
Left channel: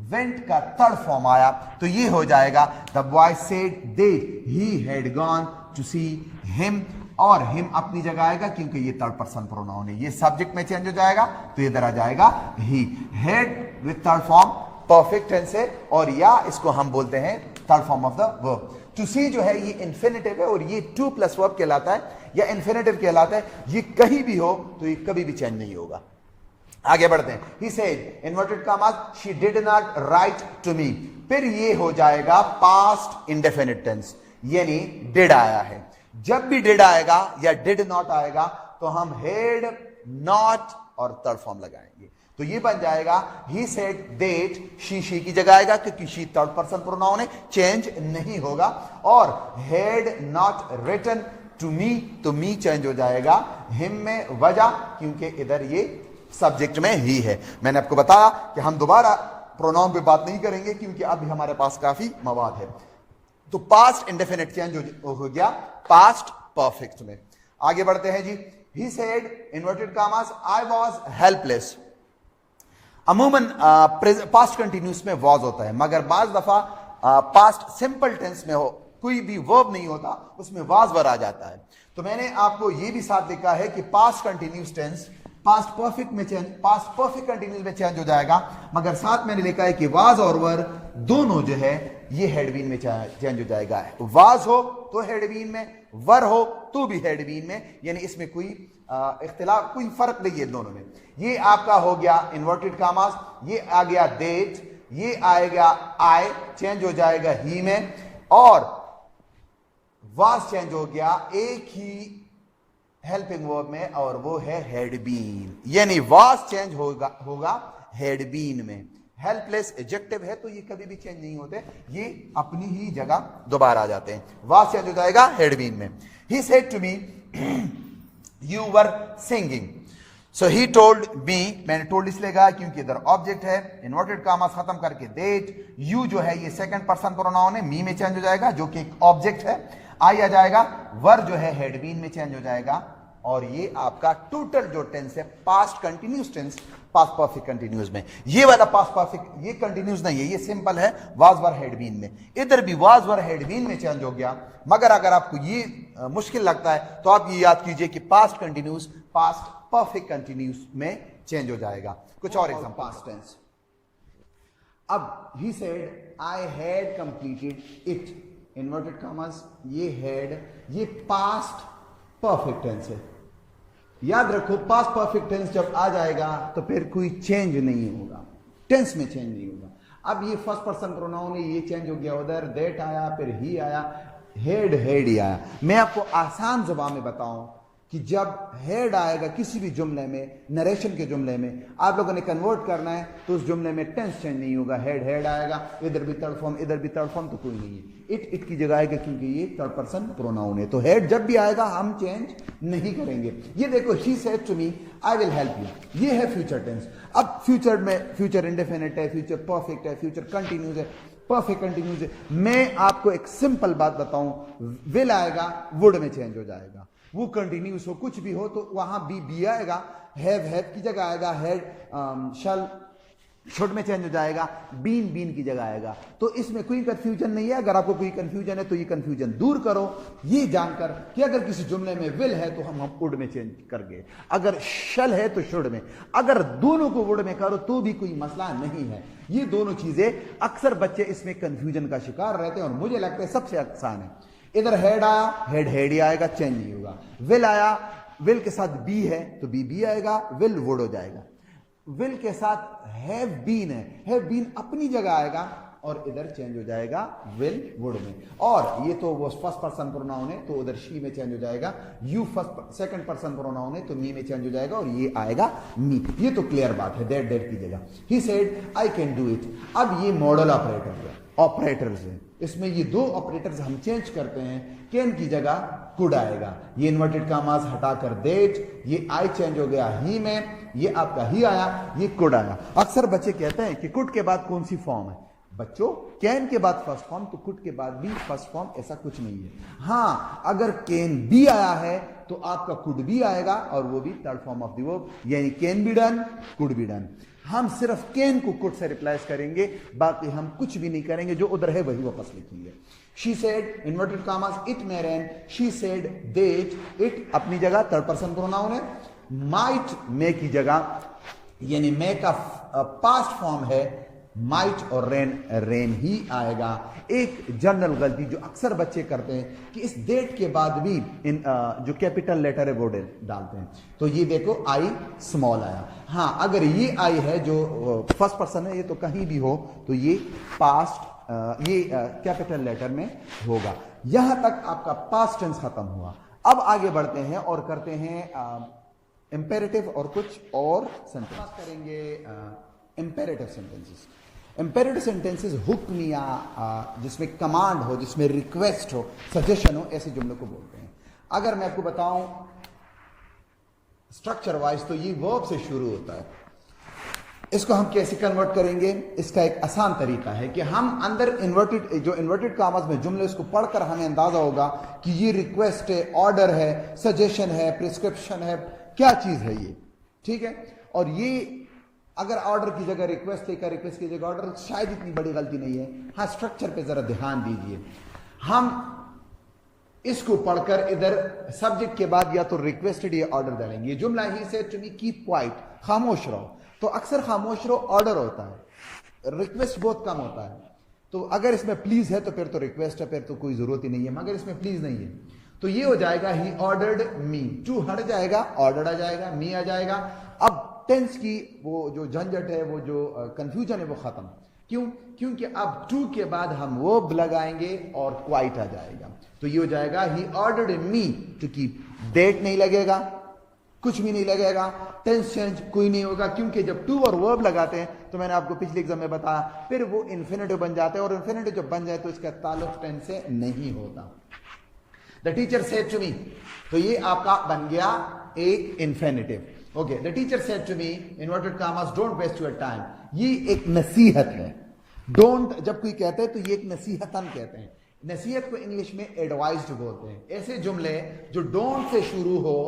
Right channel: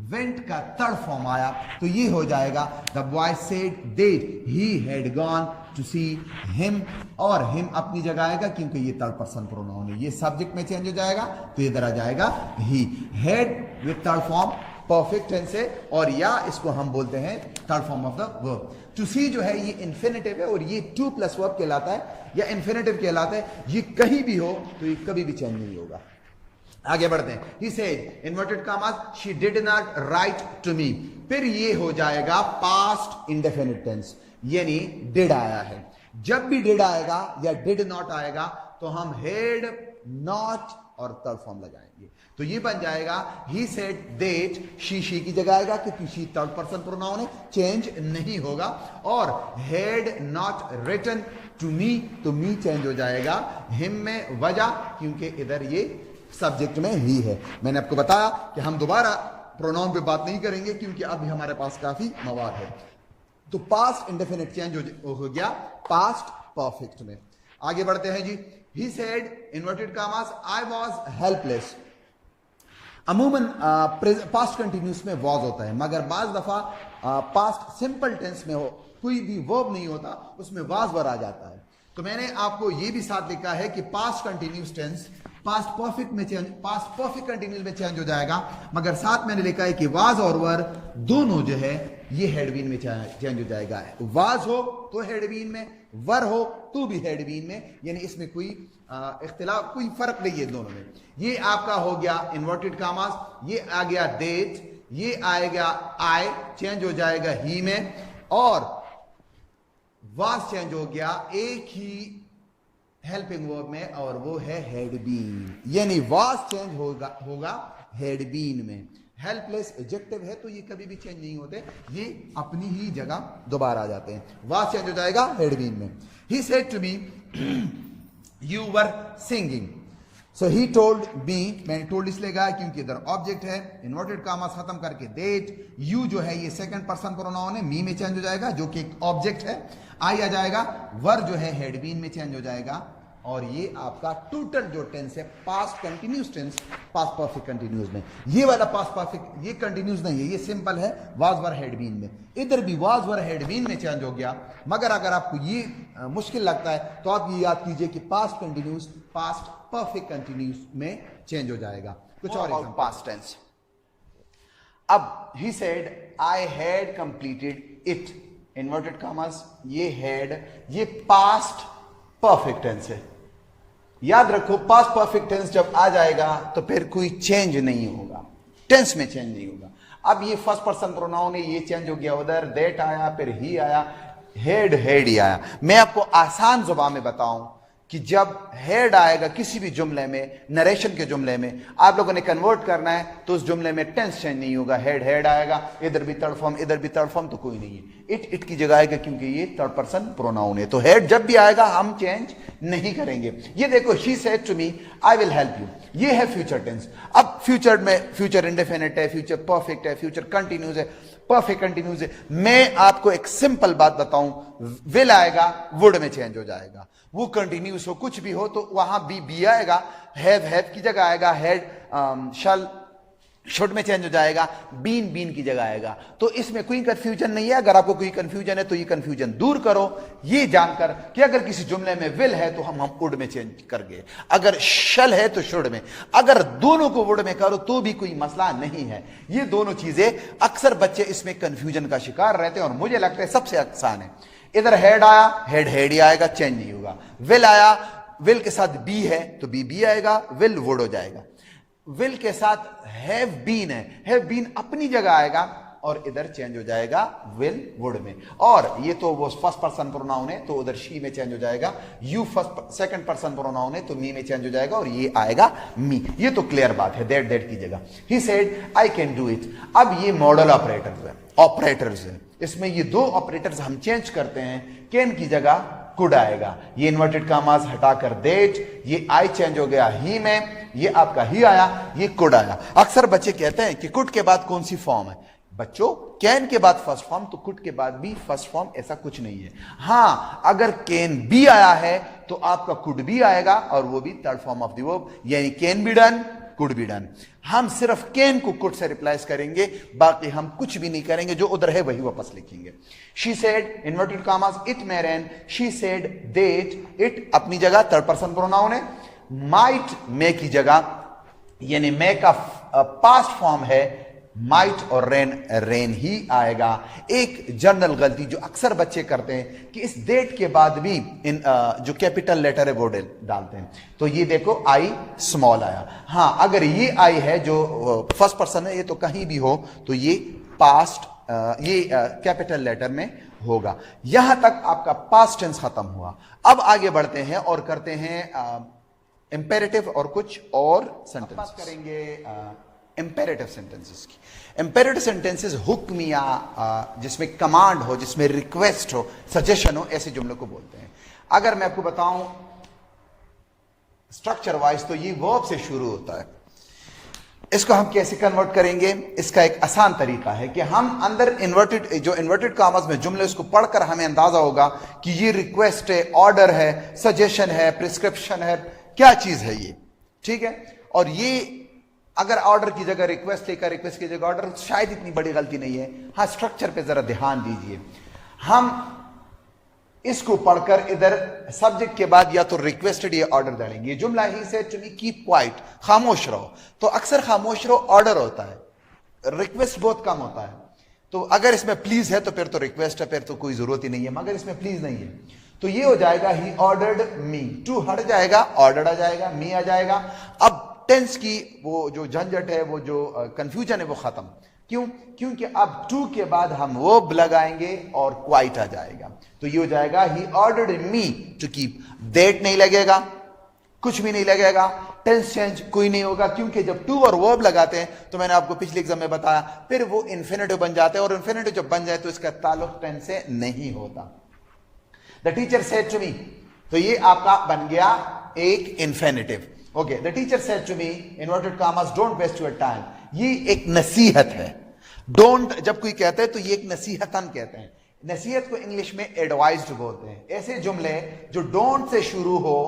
वेंट का थर्ड फॉर्म आया, तो ये हो जाएगा the boy said that he had gone to see him, और हिम अपनी जगह आएगा क्योंकि ये थर्ड पर्सन प्रोनाउन है, ये सब्जेक्ट में चेंज हो जाएगा तो इधर आ जाएगा ही। Had with third form perfect tense है, और या इसको हम बोलते हैं third form of the verb. To see जो है ये इन्फिनिटिव है और ये टू प्लस वर्ब कहलाता है या इन्फिनिटिव कहलाता है। ये कहीं भी हो तो ये कभी भी चेंज नहीं होगा। आगे बढ़ते हैं। He said, inverted commas, she did not write to me, फिर ये हो जाएगा पास्ट इंडेफिनिट टेंस, यानी डिड आया है। जब भी डिड आएगा या डिड नॉट आएगा तो हम हेड नॉट और थर्ड फॉर्म लगाएंगे, तो ये बन जाएगा ही सेड दैट, शी की जगह आएगा क्योंकि शी थर्ड पर्सन प्रोनाउन है, चेंज नहीं होगा। और had not written to me, तो मी चेंज हो जाएगा हिम में, वजह क्योंकि इधर ये सब्जेक्ट में ही है। मैंने आपको बताया कि हम दोबारा प्रोनाउन पे बात नहीं करेंगे क्योंकि अभी हमारे पास काफी मवाद है। तो पास्ट इंडेफिनिट चेंज हो गया पास्ट परफेक्ट में। आगे बढ़ते हैं जी। ही सेड इन्वर्टेड कामास, आई वाज हेल्पलेस। अमूमन पास्ट कंटिन्यूस में वाज होता है, मगर बाज दफा पास्ट सिंपल टेंस में हो, कोई भी वर्ब नहीं होता, उसमें वाज वर आ जाता है। तो मैंने आपको ये भी साथ लिखा है कि past continuous tense past perfect में चेंज, पास्ट परफेक्ट कंटिन्यूस में चेंज हो जाएगा, मगर साथ मैंने लिखा है कि वाज और वर दोनों जो है ये हेडबीन में चेंज हो जाएगा। वाज हो तो हेडबीन में, वर हो तो भी हेडबीन में, यानी इसमें कोई इख्तिलाफ, कोई फर्क नहीं है दोनों में। ये आपका हो गया इन्वर्टेड कामास, ये आ गया दैट, ये आएगा आई, चेंज हो जाएगा ही में, और वाज चेंज हो गया एक ही हेल्पिंग वर्ब में, और वो है हैड बीन, यानी वाज चेंज होगा हैड बीन में। हेल्पलेस एडजेक्टिव है तो ये कभी भी चेंज नहीं होते, ये अपनी ही जगह दोबारा आ जाते हैं। वाज चेंज हो जाएगा हैड बीन में। He said to me you were singing, so he told me, मैंने टोल्ड इसलिए कहा क्योंकि इधर ऑब्जेक्ट है, इन्वर्टेड कॉमास खत्म करके दैट, यू जो है ये सेकंड पर्सन प्रोनाउन है, मी में चेंज हो जाएगा जो कि एक ऑब्जेक्ट है, आई आ जाएगा, वर जो है हैड बीन में चेंज हो जाएगा, और ये आपका टोटल जो टेंस है past continuous tense, past perfect continuous में। ये वाला पास्ट परफेक्ट ये कंटिन्यूस नहीं है, ये सिंपल है वाज वर हैड बीन में। इधर भी वाज वर हैड बीन में चेंज हो गया, मगर अगर आपको ये मुश्किल लगता है तो आप ये याद कीजिए कि past continuous past perfect continuous में चेंज हो जाएगा। कुछ और एग्जांपल, पास्ट टेंस। अब he said I had completed it, inverted commas, ये हैड ये पास्ट परफेक्ट टेंस है। याद रखो पास्ट परफेक्ट टेंस जब आ जाएगा तो फिर कोई चेंज नहीं होगा, टेंस में चेंज नहीं होगा। अब ये फर्स्ट पर्सन प्रोनाउन है, ये चेंज हो गया, उधर दैट आया, फिर ही आया, हेड हेड ही आया। मैं आपको आसान जुबान में बताऊं कि जब हेड आएगा किसी भी जुमले में, नरेशन के जुमले में, आप लोगों ने कन्वर्ट करना है तो उस जुमले में टेंस चेंज नहीं होगा, हेड हेड आएगा, इधर भी थर्ड फॉर्म इधर भी थर्ड फॉर्म, तो कोई नहीं है। इट इट की जगह आएगा क्योंकि ये थर्ड पर्सन प्रोनाउन है, तो हेड जब भी आएगा हम चेंज नहीं करेंगे। ये देखो she said to me I will help you, ये है फ्यूचर टेंस। अब फ्यूचर में फ्यूचर इंडेफिनिट है, फ्यूचर परफेक्ट है, फ्यूचर कंटिन्यूस है, परफेक्ट कंटिन्यूस है। मैं आपको एक सिंपल बात बताऊं, विल आएगा वुड में चेंज हो जाएगा, वो कंटिन्यूस हो कुछ भी हो तो वहां बी आएगा, हैव की जगह आएगा, हेड शल शुड में चेंज हो जाएगा, बीन की जगह आएगा। तो इसमें कोई कंफ्यूजन नहीं है। अगर आपको कोई कंफ्यूजन है तो ये कंफ्यूजन दूर करो, ये जानकर कि अगर किसी जुमले में विल है तो हम वुड में चेंज कर गए, अगर शल है तो शुड में, अगर दोनों को वुड में करो तो भी कोई मसला नहीं है। ये दोनों चीजें अक्सर बच्चे इसमें कंफ्यूजन का शिकार रहते हैं और मुझे लगता है सबसे आसान है। इधर हेड आया, हेड हेड ही आएगा, चेंज नहीं होगा। विल आया, विल के साथ बी है तो बी आएगा, विल वुड हो जाएगा। विल के साथ हैव बीन है, हैव बीन अपनी जगह आएगा और इधर चेंज हो जाएगा विल वुड में। और ये तो वो फर्स्ट पर्सन प्रोनाउन है तो उधर शी में चेंज हो जाएगा, you first second person pronoun है तो मी में चेंज हो जाएगा और ये आएगा मी। ये तो क्लियर बात है, दैट की जगह he said I can do it. अब ये मॉडल ऑपरेटर्स है, इसमें ये दो ऑपरेटर्स हम चेंज करते हैं, कैन की जगह कुड आएगा। ये इन्वर्टेड कॉमास हटाकर दैट, ये आई चेंज हो गया ही में, ये आपका ही आया, ये कुड आया। अक्सर बच्चे कहते हैं कि कुड के बाद कौन सी फॉर्म है? बच्चों कैन के बाद फर्स्ट फॉर्म तो कुड के बाद भी फर्स्ट फॉर्म, ऐसा कुछ नहीं है। हां, अगर कैन बी आया है तो आपका कुड भी आएगा और वो भी third form of the verb, यानी can be done, could be done. हम सिर्फ कैन को कुड से रिप्लेस करेंगे, बाकी हम कुछ भी नहीं करेंगे, जो उधर है वही वापस लिखेंगे। She said inverted commas it may rain, she said that, it अपनी जगह थर्ड पर्सन प्रोनाउन है, माइट मे की जगह, यानी मे का पास्ट फॉर्म है माइट और रेन ही आएगा। एक जनरल गलती जो अक्सर बच्चे करते हैं कि इस डेट के बाद भी इन जो कैपिटल लेटर है वो डालते हैं, तो ये देखो आई स्मॉल आया। हाँ, अगर ये आई है जो फर्स्ट पर्सन है, ये तो कहीं भी हो तो ये पास्ट ये कैपिटल लेटर में होगा। यहां तक आपका पास्ट टेंस खत्म हुआ। अब आगे बढ़ते हैं और करते हैं इंपेरेटिव और कुछ और सेंटेंस करेंगे। इंपेरेटिव सेंटेंसेस की, इंपेरेटिव सेंटेंसेस हुक्म या जिसमें कमांड हो, जिसमें रिक्वेस्ट हो, सजेशन हो, ऐसे जुमलों को बोलते हैं। अगर मैं आपको बताऊं स्ट्रक्चर वाइज तो ये वर्ब से शुरू होता है। इसको हम कैसे कन्वर्ट करेंगे? इसका एक आसान तरीका है कि हम अंदर इन्वर्टेड कॉमास में जुमले उसको पढ़कर हमें अंदाजा होगा कि ये रिक्वेस्ट है, ऑर्डर है, सजेशन है, प्रिस्क्रिप्शन है, क्या चीज है ये, ठीक है। और ये अगर ऑर्डर की जगह रिक्वेस्ट लेकर रिक्वेस्ट की जगह ऑर्डर, शायद इतनी बड़ी गलती नहीं है। हाँ, स्ट्रक्चर पे जरा ध्यान दीजिए। हम इसको पढ़कर इधर सब्जेक्ट के बाद या तो रिक्वेस्टेड या ऑर्डर डालेंगे। जुमला ही से टू मी कीप क्वाइट, खामोश रहो, तो अक्सर खामोश रहो ऑर्डर होता है, रिक्वेस्ट बहुत कम होता है। तो अगर इसमें प्लीज है तो फिर तो रिक्वेस्ट है, फिर तो कोई जरूरत ही नहीं है। मगर इसमें प्लीज नहीं है तो ये हो जाएगा ही ऑर्डर्ड मी, टू हट जाएगा, ऑर्डर्ड आ जाएगा, मी आ जाएगा। अब टेंस की वो जो झंझट है, वो जो कंफ्यूजन है वो खत्म। क्यों? क्योंकि अब टू के बाद हम वर्ब लगाएंगे और क्वाइट आ जाएगा, तो ये हो जाएगा he ordered me to keep. That नहीं लगेगा, कुछ भी नहीं लगेगा, टेंस चेंज कोई नहीं होगा, क्योंकि जब टू और वर्ब लगाते हैं तो मैंने आपको पिछले एग्जाम में बताया, फिर वो इन्फिनेटिव बन जाते हैं, और इन्फिनेटिव जब बन जाए तो इसका ताल्लुक टेंस से नहीं होता। The teacher said to me, तो ये आपका बन गया एक infinitive. Okay, the teacher said to me inverted commas don't waste your time, ये एक नसीहत है। डोंट जब कोई कहते हैं तो ये एक नसीहतन कहते हैं। नसीहत को इंग्लिश में एडवाइज्ड बोलते हैं। ऐसे जुमले जो डोंट से शुरू हो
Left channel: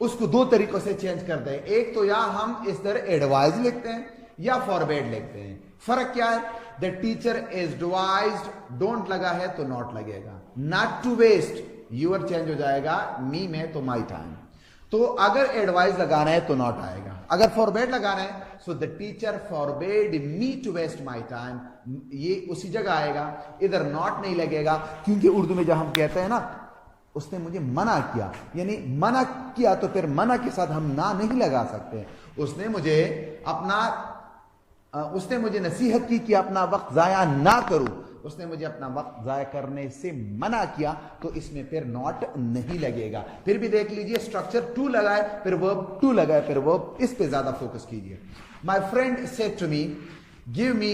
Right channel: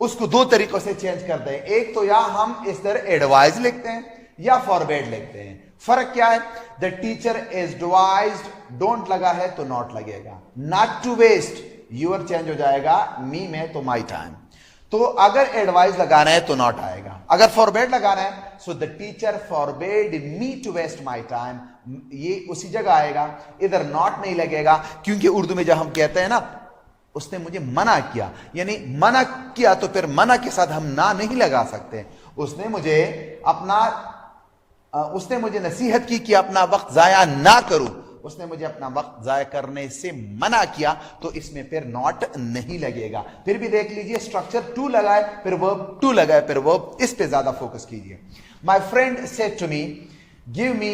उसको दो तरीकों से चेंज करते हैं, एक तो या हम इस तरह एडवाइज लिखते हैं या फॉरबेड लिखते हैं। फर्क क्या है? The teacher is advised, don't लगा है तो नॉट लगेगा। Not to waste, your change हो जाएगा मी में तो माई टाइम। तो अगर एडवाइस लगाना है तो नॉट आएगा, अगर फॉरबेड लगाना है so the teacher forbade me to waste my time, ये उसी जगह आएगा, इधर नॉट नहीं लगेगा, क्योंकि उर्दू में जब हम कहते हैं ना उसने मुझे मना किया, यानी मना किया तो फिर मना के साथ हम ना नहीं लगा सकते। उसने मुझे नसीहत की कि अपना वक्त जाया ना करूं, उसने मुझे अपना वक्त जाया करने से मना किया, तो इसमें फिर नॉट नहीं लगेगा। फिर भी देख लीजिए, स्ट्रक्चर टू लगाए फिर वर्ब टू लगाए फिर वर्ब, इस पे ज्यादा फोकस कीजिए। My friend said to me give me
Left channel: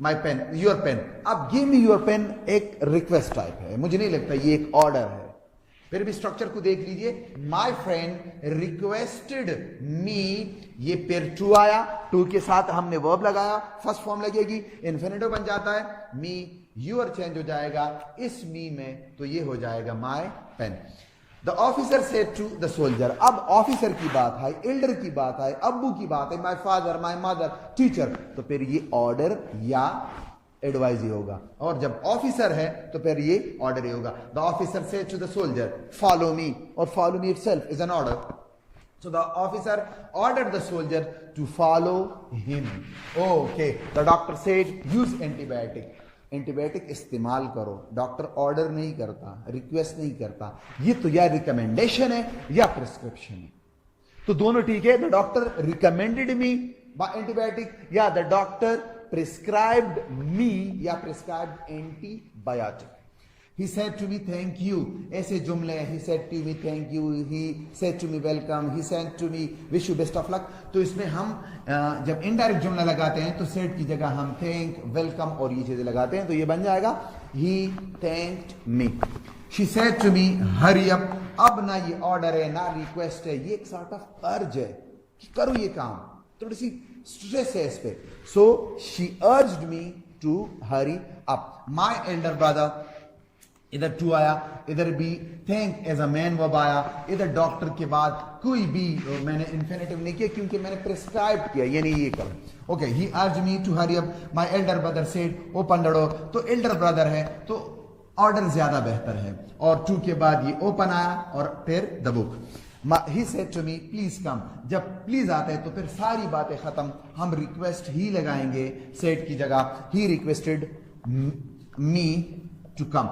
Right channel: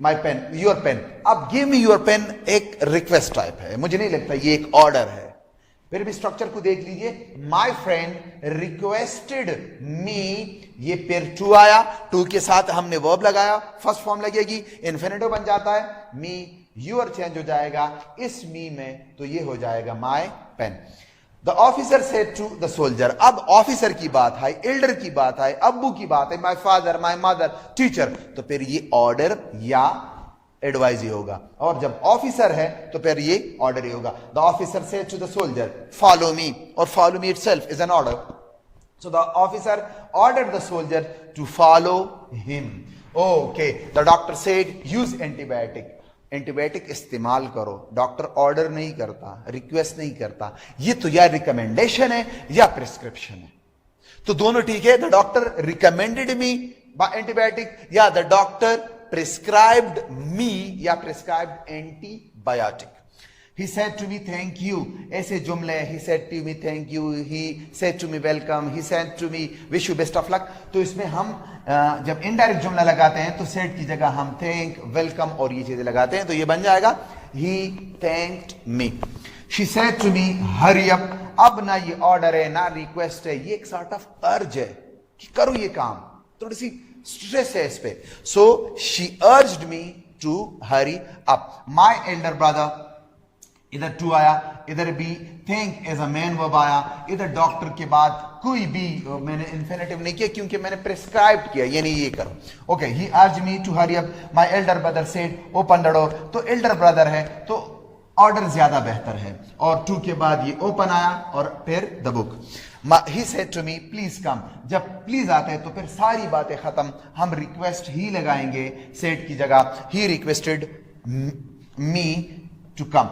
my pen, your pen. अब गिव मी योर पेन एक रिक्वेस्ट टाइप है, मुझे नहीं लगता ये एक ऑर्डर है। फिर भी स्ट्रक्चर को देख लीजिए, माई फ्रेंड रिक्वेस्टेड मी, ये फिर टू आया, टू के साथ हमने वर्ब लगाया, फर्स्ट फॉर्म लगेगी, इन्फिनिटिव बन जाता है, मी यूर चेंज हो जाएगा इस मी में, तो ये हो जाएगा my pen. The officer said to the soldier, अब ऑफिसर की बात है, एल्डर की बात है, अब्बू की बात है, my father, my mother, teacher, तो फिर ये ऑर्डर या एडवाइज ही होगा, और जब ऑफिसर है तो फिर ये ऑर्डर ही होगा। The officer said to the soldier follow me, और follow me itself is an order, so the officer ordered the soldier to follow him. Okay, the doctor said use antibiotic, antibiotic इस्तेमाल करो, doctor order नहीं करता, request नहीं करता, ये तो या रिकमेंडेशन है या प्रिस्क्रिप्शन है, तो दोनों ठीक है। The doctor recommended me buy antibiotic, या द डॉक्टर prescribed me या prescribed antibiotic। He said to me thank you, ऐसे जुमले, he said to me thank you, he said to me welcome, he said to me wish you best of luck, तो इसमें हम जब indirect जुमला लगाते हैं तो said की जगह हम thank, welcome और ये चीजें लगाते हैं, तो ये बन जाएगा he thanked me। She said to me hurry up, अब ना ये ऑर्डर है ना रिक्वेस्ट है, ये एक सॉर्ट ऑफ अर्ज है कि करो ये काम, थोड़ी सी स्ट्रेस है इस पे। So she urged me to hurry up. My elder brother, इधर टू आया, इधर भी think as a main verb आया, इधर डॉक्टर के बाद कोई भी मैंने इन्फिनेटिव नहीं किया क्योंकि मैंने प्रिस्क्राइब किया, यानी ये करो। Okay, he urge me to hurry up, my elder brother said open the door, तो एल्डर ब्रदर है तो ऑर्डर ज्यादा बेहतर है, और टू के बाद ये ओपन आया और फिर the book. He said to me please come, जब प्लीज आता है तो फिर सारी बातें खत्म, हम रिक्वेस्ट ही लगाएंगे सेड की जगह। he requested me to come,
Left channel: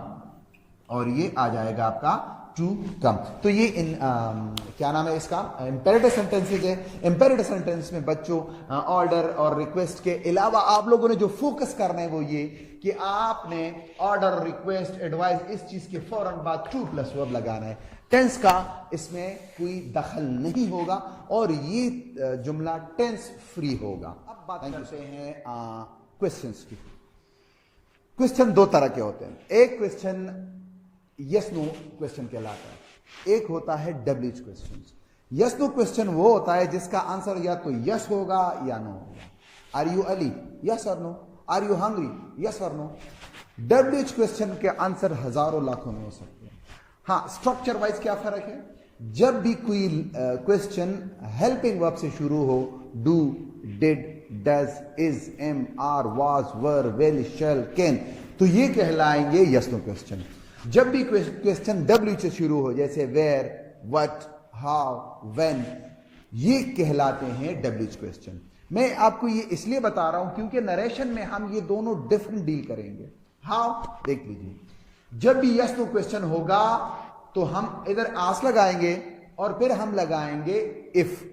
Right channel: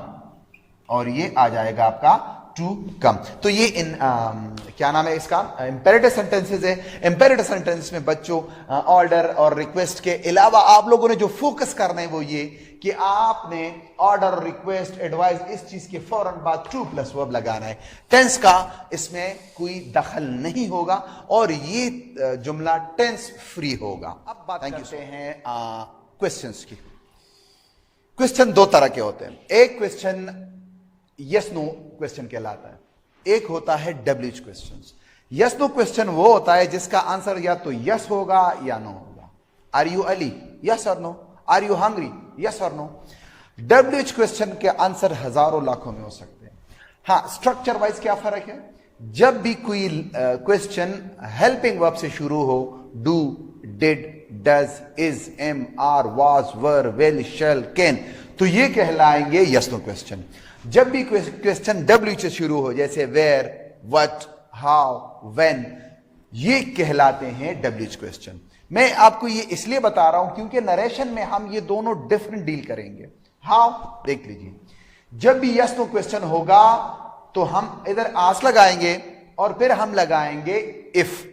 और ये आ जाएगा आपका टू कम। तो ये क्या नाम है इसका, इंपेरेटिव सेंटेंसेस है। इंपेरेटिव सेंटेंस में बच्चों ऑर्डर और रिक्वेस्ट के अलावा आप लोगों ने जो फोकस करना है वो ये कि आपने ऑर्डर, रिक्वेस्ट, एडवाइस, इस चीज के फौरन बाद टू प्लस वर्ब लगाना है। टेंस का इसमें कोई दखल नहीं होगा और ये जुमला टेंस फ्री होगा। अब बात करते हैं क्वेश्चंस की। क्वेश्चन दो तरह के होते हैं, एक क्वेश्चन यस नो क्वेश्चन कहलाता है, एक होता है WH question. Yes no question वो होता है जिसका आंसर या तो यस होगा या नो होगा। आर यू अली, यस और no. Are you hungry, yes और नो। डब्ल्यूएच क्वेश्चन के आंसर हजारों लाखों में हो सकते हैं। हाँ, स्ट्रक्चर वाइज क्या फर्क है, जब भी कोई क्वेश्चन हेल्पिंग वर्ब से शुरू हो, do, did, does, is, am, are, was, were, will, shall, can, तो ये कहलाएंगे यस नो क्वेश्चन। जब भी क्वेश्चन डब्ल्यू से शुरू हो, जैसे वेयर, व्हाट, हाउ, व्हेन, ये कहलाते हैं डब्ल्यूएच क्वेश्चन। मैं आपको ये इसलिए बता रहा हूं क्योंकि नरेशन में हम ये दोनों डिफरेंट डील करेंगे। हाउ देख लीजिए, जब भी यस नो क्वेश्चन होगा तो हम इधर आस लगाएंगे और फिर हम लगाएंगे इफ,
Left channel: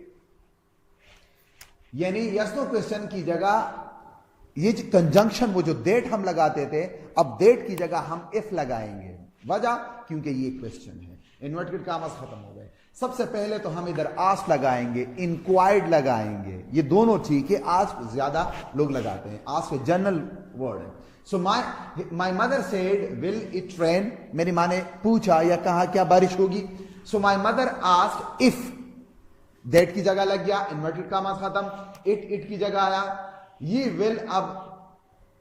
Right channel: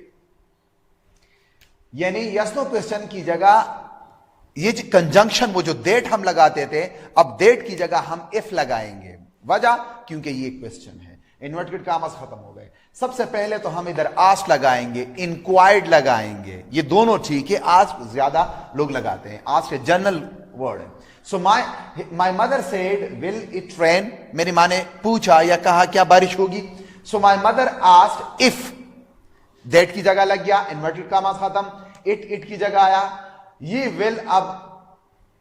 यानी यस नो क्वेश्चन की जगह ये कंजंक्शन, वो जो डेट हम लगाते थे, अब डेट की जगह हम इफ लगाएंगे। वजह, क्योंकि ये क्वेश्चन है। इन्वर्टेड कॉमास खत्म हो गए। सबसे पहले तो हम इधर आस्क लगाएंगे, इंक्वायर्ड लगाएंगे, ये दोनों ठीक है। आस्क ज्यादा लोग लगाते हैं, आस्क जनरल वर्ड है। So my mother said will it rain, मेरी माँ ने पूछा या कहा क्या बारिश होगी। So my mother asked if, that की जगह लग गया, इन्वर्टेड कॉमास खत्म, इट की जगह आया, ये विल अब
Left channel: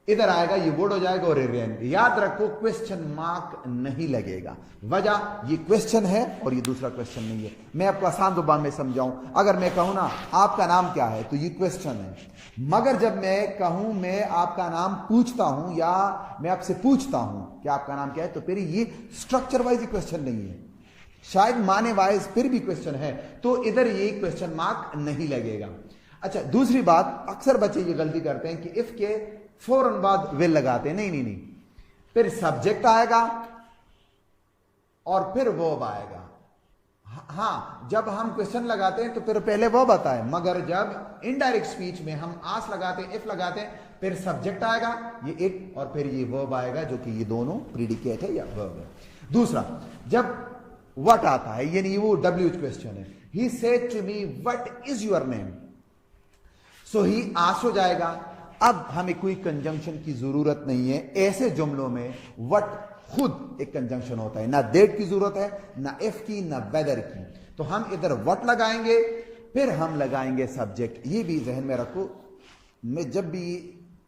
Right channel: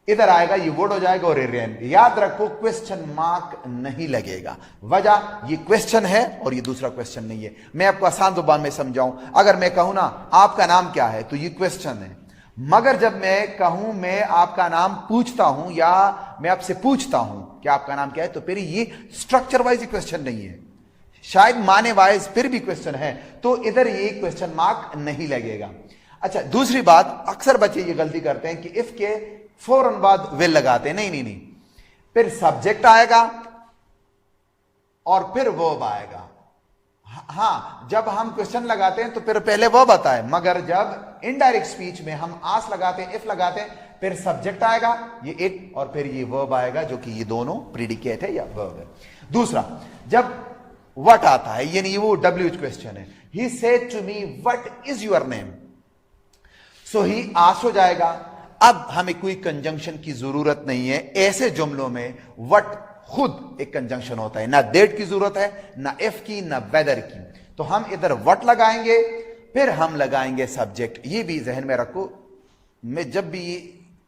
इधर आएगा, ये वर्ड हो जाएगा और रेन। याद रखो क्वेश्चन मार्क नहीं लगेगा। वजह, ये क्वेश्चन है और ये दूसरा क्वेश्चन नहीं है। मैं आपको आसान जुबान में समझाऊं, अगर मैं कहूं ना आपका नाम क्या है, तो ये क्वेश्चन है। मगर जब मैं कहूं मैं आपका नाम पूछता हूं या मैं आपसे पूछता हूं कि आपका नाम क्या है, तो फिर ये स्ट्रक्चर वाइज क्वेश्चन नहीं है, शायद माने वाइज फिर भी क्वेश्चन है, तो इधर ये क्वेश्चन मार्क नहीं लगेगा। अच्छा, दूसरी बात, अक्सर बच्चे ये गलती करते हैं कि इफ के फौरन बाद विल लगाते हैं। नहीं, फिर सब्जेक्ट आएगा और फिर वर्ब आएगा। हां, जब हम क्वेश्चन लगाते हैं तो फिर पहले वर्ब आता है, मगर जब इनडायरेक्ट स्पीच में हम आस लगाते हैं, इफ लगाते हैं, फिर सब्जेक्ट आएगा ये इट और फिर ये वर्ब आएगा, जो कि ये दोनों प्रीडिकेट है या वर्ब है। दूसरा, जब व्हाट आता है, यानी वो WH क्वेश्चन है, he said to me what is your name, so he asked हो जाएगा। अब हमें कोई कंजंक्शन की जरूरत नहीं है। ऐसे जुमलों में व्हाट खुद एक कंजंक्शन होता है, ना दैट की जरूरत है, ना इफ की, ना वेदर की। तो हम इधर व्हाट लगाएंगे, फिर हम लगाएंगे सब्जेक्ट। ये भी जहन में रखो, मैं जब भी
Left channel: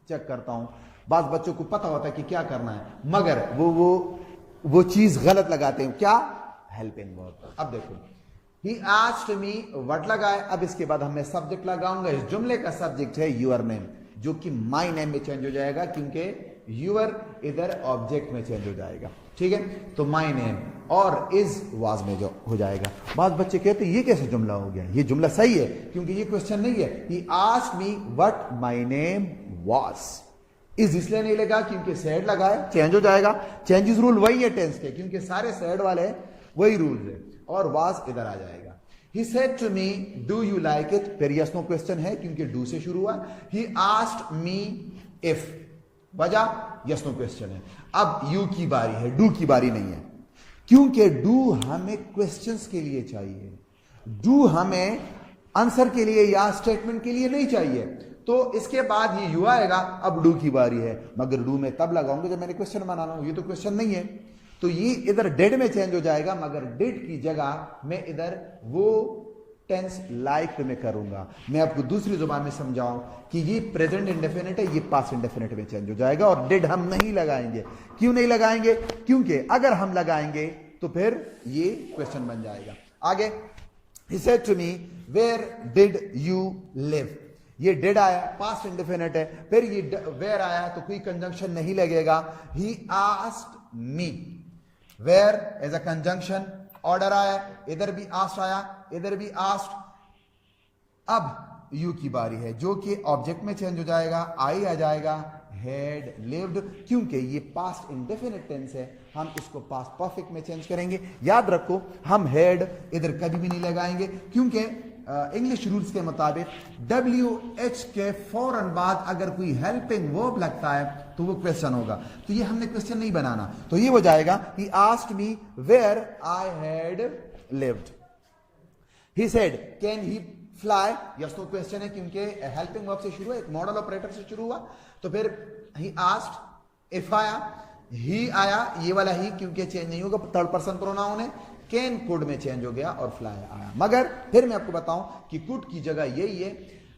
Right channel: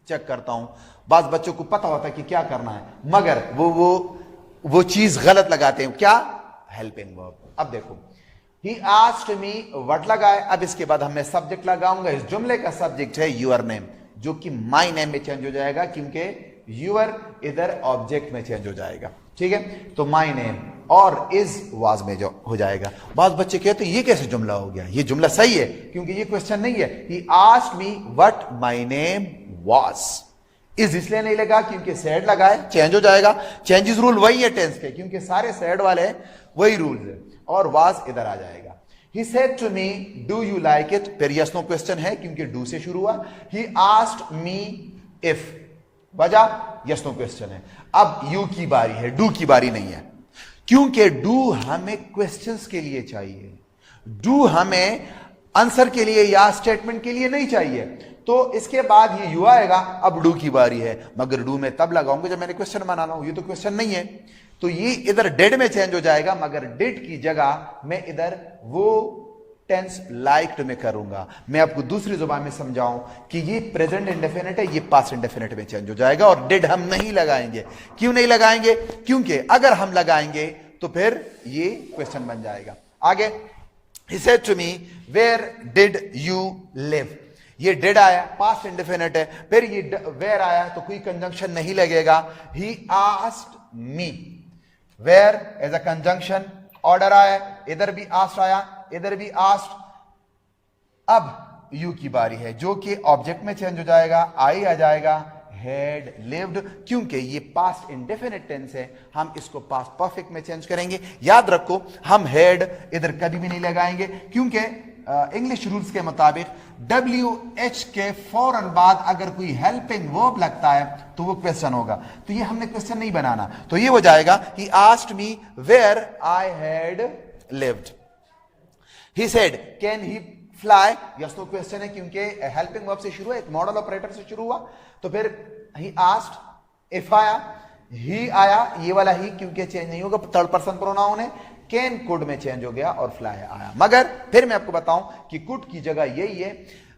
चेक करता हूं, बाज बच्चों को पता होता है कि क्या करना है, मगर वो चीज गलत लगाते हैं। क्या? Helping verb. अब देखो, ही आस्क्ड मी व्हाट लगाए, अब इसके बाद मैं सब्जेक्ट लगाऊंगा। इस जुमले का सब्जेक्ट है यूर नेम, जो कि माई नेम में चेंज हो जाएगा, क्योंकि यूर इधर ऑब्जेक्ट में चेंज हो जाएगा। ठीक है, तो माई नेम और इज वाज में जो हो जाएगा। बाद बच्चे कहते हैं ये कैसे जुमला हो गया? ये जुमला सही है, क्योंकि ये क्वेश्चन नहीं है। He asked me what my name was. Is इसलिए नहीं लगा क्योंकि सेड लगाए, चेंज हो जाएगा। चेंजेस रूल वही है टेंस के, क्योंकि सारे सेड वाले वही रूल्स है, और वाज इधर आ जाएगा। He said to me, do you like it? फिर yes no क्वेश्चन है, क्योंकि do से शुरू हुआ। He asked me if, वजह yes no क्वेश्चन है। अब you की बारी है, do की बारी नहीं है, क्योंकि do हमें क्वेश्चंस के लिए चाहिए, do हमें आंसर के लिए या स्टेटमेंट के लिए नहीं चाहिए। तो इसके बाद ये you आएगा, अब do की बारी है, मगर do में तब लगाऊंगा जब मैंने क्वेश्चन बनाना हो। ये तो क्वेश्चन नहीं है, तो ये इधर डेड में चेंज हो जाएगा, मगर डेड की जगह मैं इधर वो टेंस लाइक्ड में करूंगा। मैं आपको दूसरी जुबान में समझाऊं कि ये प्रेजेंट इंडेफिनिट है, ये पास्ट इंडेफिनिट में चेंज हो जाएगा, और डेड हम नहीं लगाएंगे। क्यों नहीं लगाएंगे? क्योंकि अगर हम लगाएंगे तो फिर ये क्वेश्चन बन जाएगा। आगे, he said to me where did you live, ये डिड आया, पास्ट इंडेफिनिट है, फिर ये वेयर आया तो कोई कंजंक्शन नहीं लगेगा। He asked me, where as a conjunction, order आया, इधर भी आस्क्ड आया, इधर भी आस्क्ड। अब यू की बारी है, जो कि ऑब्जेक्ट में चेंज हो जाएगा, आई आ जाएगा, हैड लिव्ड, क्योंकि ये पास्ट इंडेफिनिट टेंस है, हम इसको पास्ट परफेक्ट में चेंज करेंगे। याद रखो, हम हैड इधर कभी भी नहीं लगाएंगे, क्योंकि इंग्लिश रूल्स के मुताबिक WH के फौरन बाद अगर कोई हेल्पिंग वर्ब लगता है तो वो क्वेश्चन होगा। तो ये हमने क्वेश्चन नहीं बनाना, तो ये हो जाएगा he asked me where I had lived. He said can he fly, yes no question है, क्योंकि हेल्पिंग वर्ब से शुरू है, एक मॉडल ऑपरेटर से शुरू हुआ। तो फिर ही आस्क्ड, इफ आया, ही आया, ये वाला ही क्योंकि चेंज नहीं होगा, थर्ड पर्सन प्रोनाउन है। कैन कुड में चेंज हो गया और फ्लाई आया। मगर फिर मैं आपको बताऊं कि कुड की जगह यही है।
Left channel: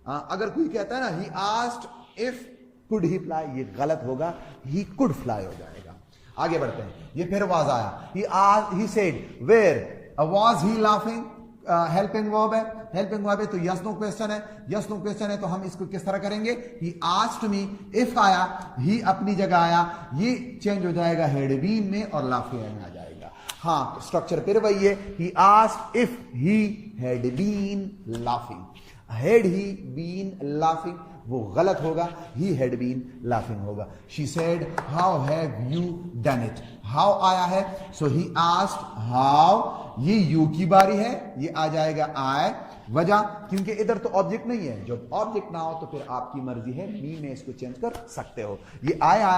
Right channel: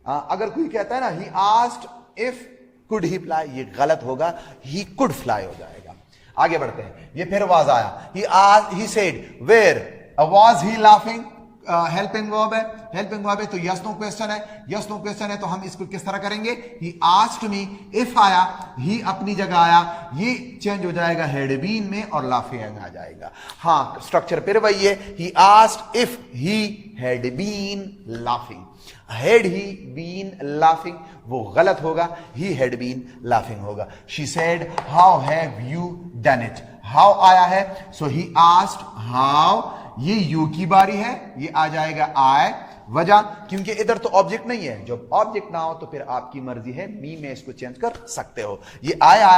अगर कोई कहता है ना ही asked if could he fly, ये गलत होगा, ही कुड फ्लाई हो जाएगा। आगे बढ़ते हैं, ये फिर वाज आया, he said where was he laughing, helping verb है, हेल्पिंग वर्ब है तो यस नो क्वेश्चन है, यस नो क्वेश्चन है तो हम इसको किस तरह करेंगे? ही आस्क्ड मी, इफ आया, ही अपनी जगह आया, ये चेंज हो जाएगा हैड बीन में और लाफिंग आ जाएगा। हाँ, स्ट्रक्चर फिर वही है, he asked if he had been laughing, had he been laughing वो गलत होगा, ही हैड बीन लाफिंग होगा। She said how have you done it, how आया है, सो ही आस्क्ड हाउ, ये यू की बारी है, ये आ जाएगा आई, वजह क्योंकि इधर तो ऑब्जेक्ट नहीं है, जब ऑब्जेक्ट ना हो तो फिर आपकी मर्जी है, मी में इसको चेंज कर सकते हो। ये आया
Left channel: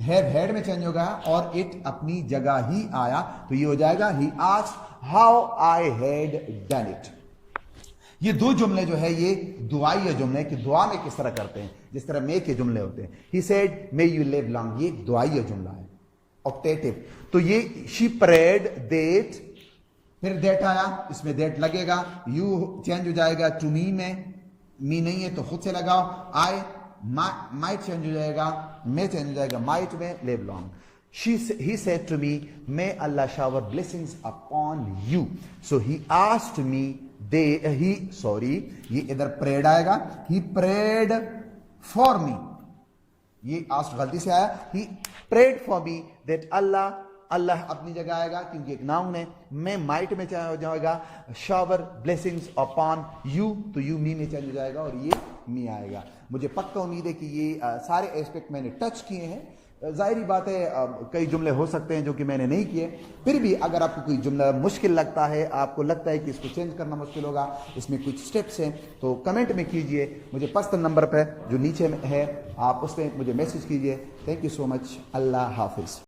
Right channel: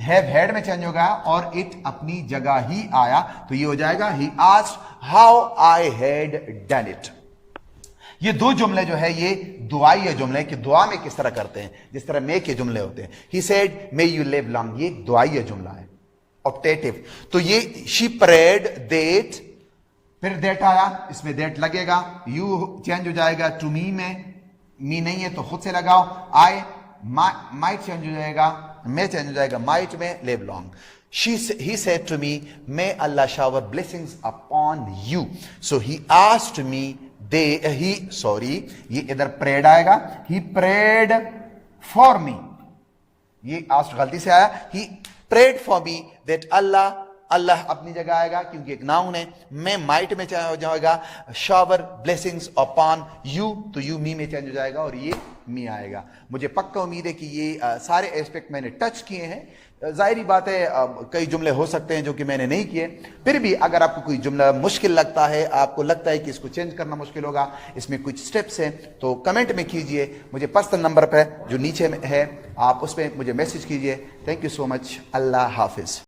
हैव हैड में चेंज हो गया और इट अपनी जगह ही आया, तो ये हो जाएगा he asked how I had done it. ये दो जुमले जो है ये दुआई जुमले कि दुआ में किस तरह करते हैं, जिस तरह मे के जुमले होते हैं। He said may you live long, ये दुआई जुमला है ऑप्टेटिव। तो ये शी प्रेड दैट, फिर दैट आया, इसमें दैट लगेगा, यू चेंज हो जाएगा टू मी में, मी नहीं है तो खुद से लगाओ, आई माइट चेंज हो जाएगा, मे चेंज हो जाएगा माइट में, live long. He said to me, may Allah shower blessings upon you. So he asked me, ये इधर prayed आएगा, he prayed for me. ये asked गलती से आया, he prayed for me that Allah अपनी जगह आएगा क्योंकि एक नाउन है, मैं माइट में चेंज हो जाएगा, शावर ब्लेसिंग्स अपॉन यू, तो यू मी में चेंज हो जाएगा और ये मी आएगा। मुझे पक्का उम्मीद है कि ये सारे एस्पेक्ट मैंने टच किए हैं। जाहिर बात है कई जुमले हो सकते हैं जो कि मैंने नहीं किए, फिर भी अगर आपको कोई जुमला मुश्किल लगता है, आपको लगता है कि इसको चेंज करना मुश्किल होगा, इसमें कुछ स्टेप्स हैं, तो कमेंट में कीजिए, मुझे पर्सनल नंबर पर जो नीचे में है आप उस पर मुझे मैसेज कीजिए। थैंक यू सो मच, अल्लाह हाफिज़।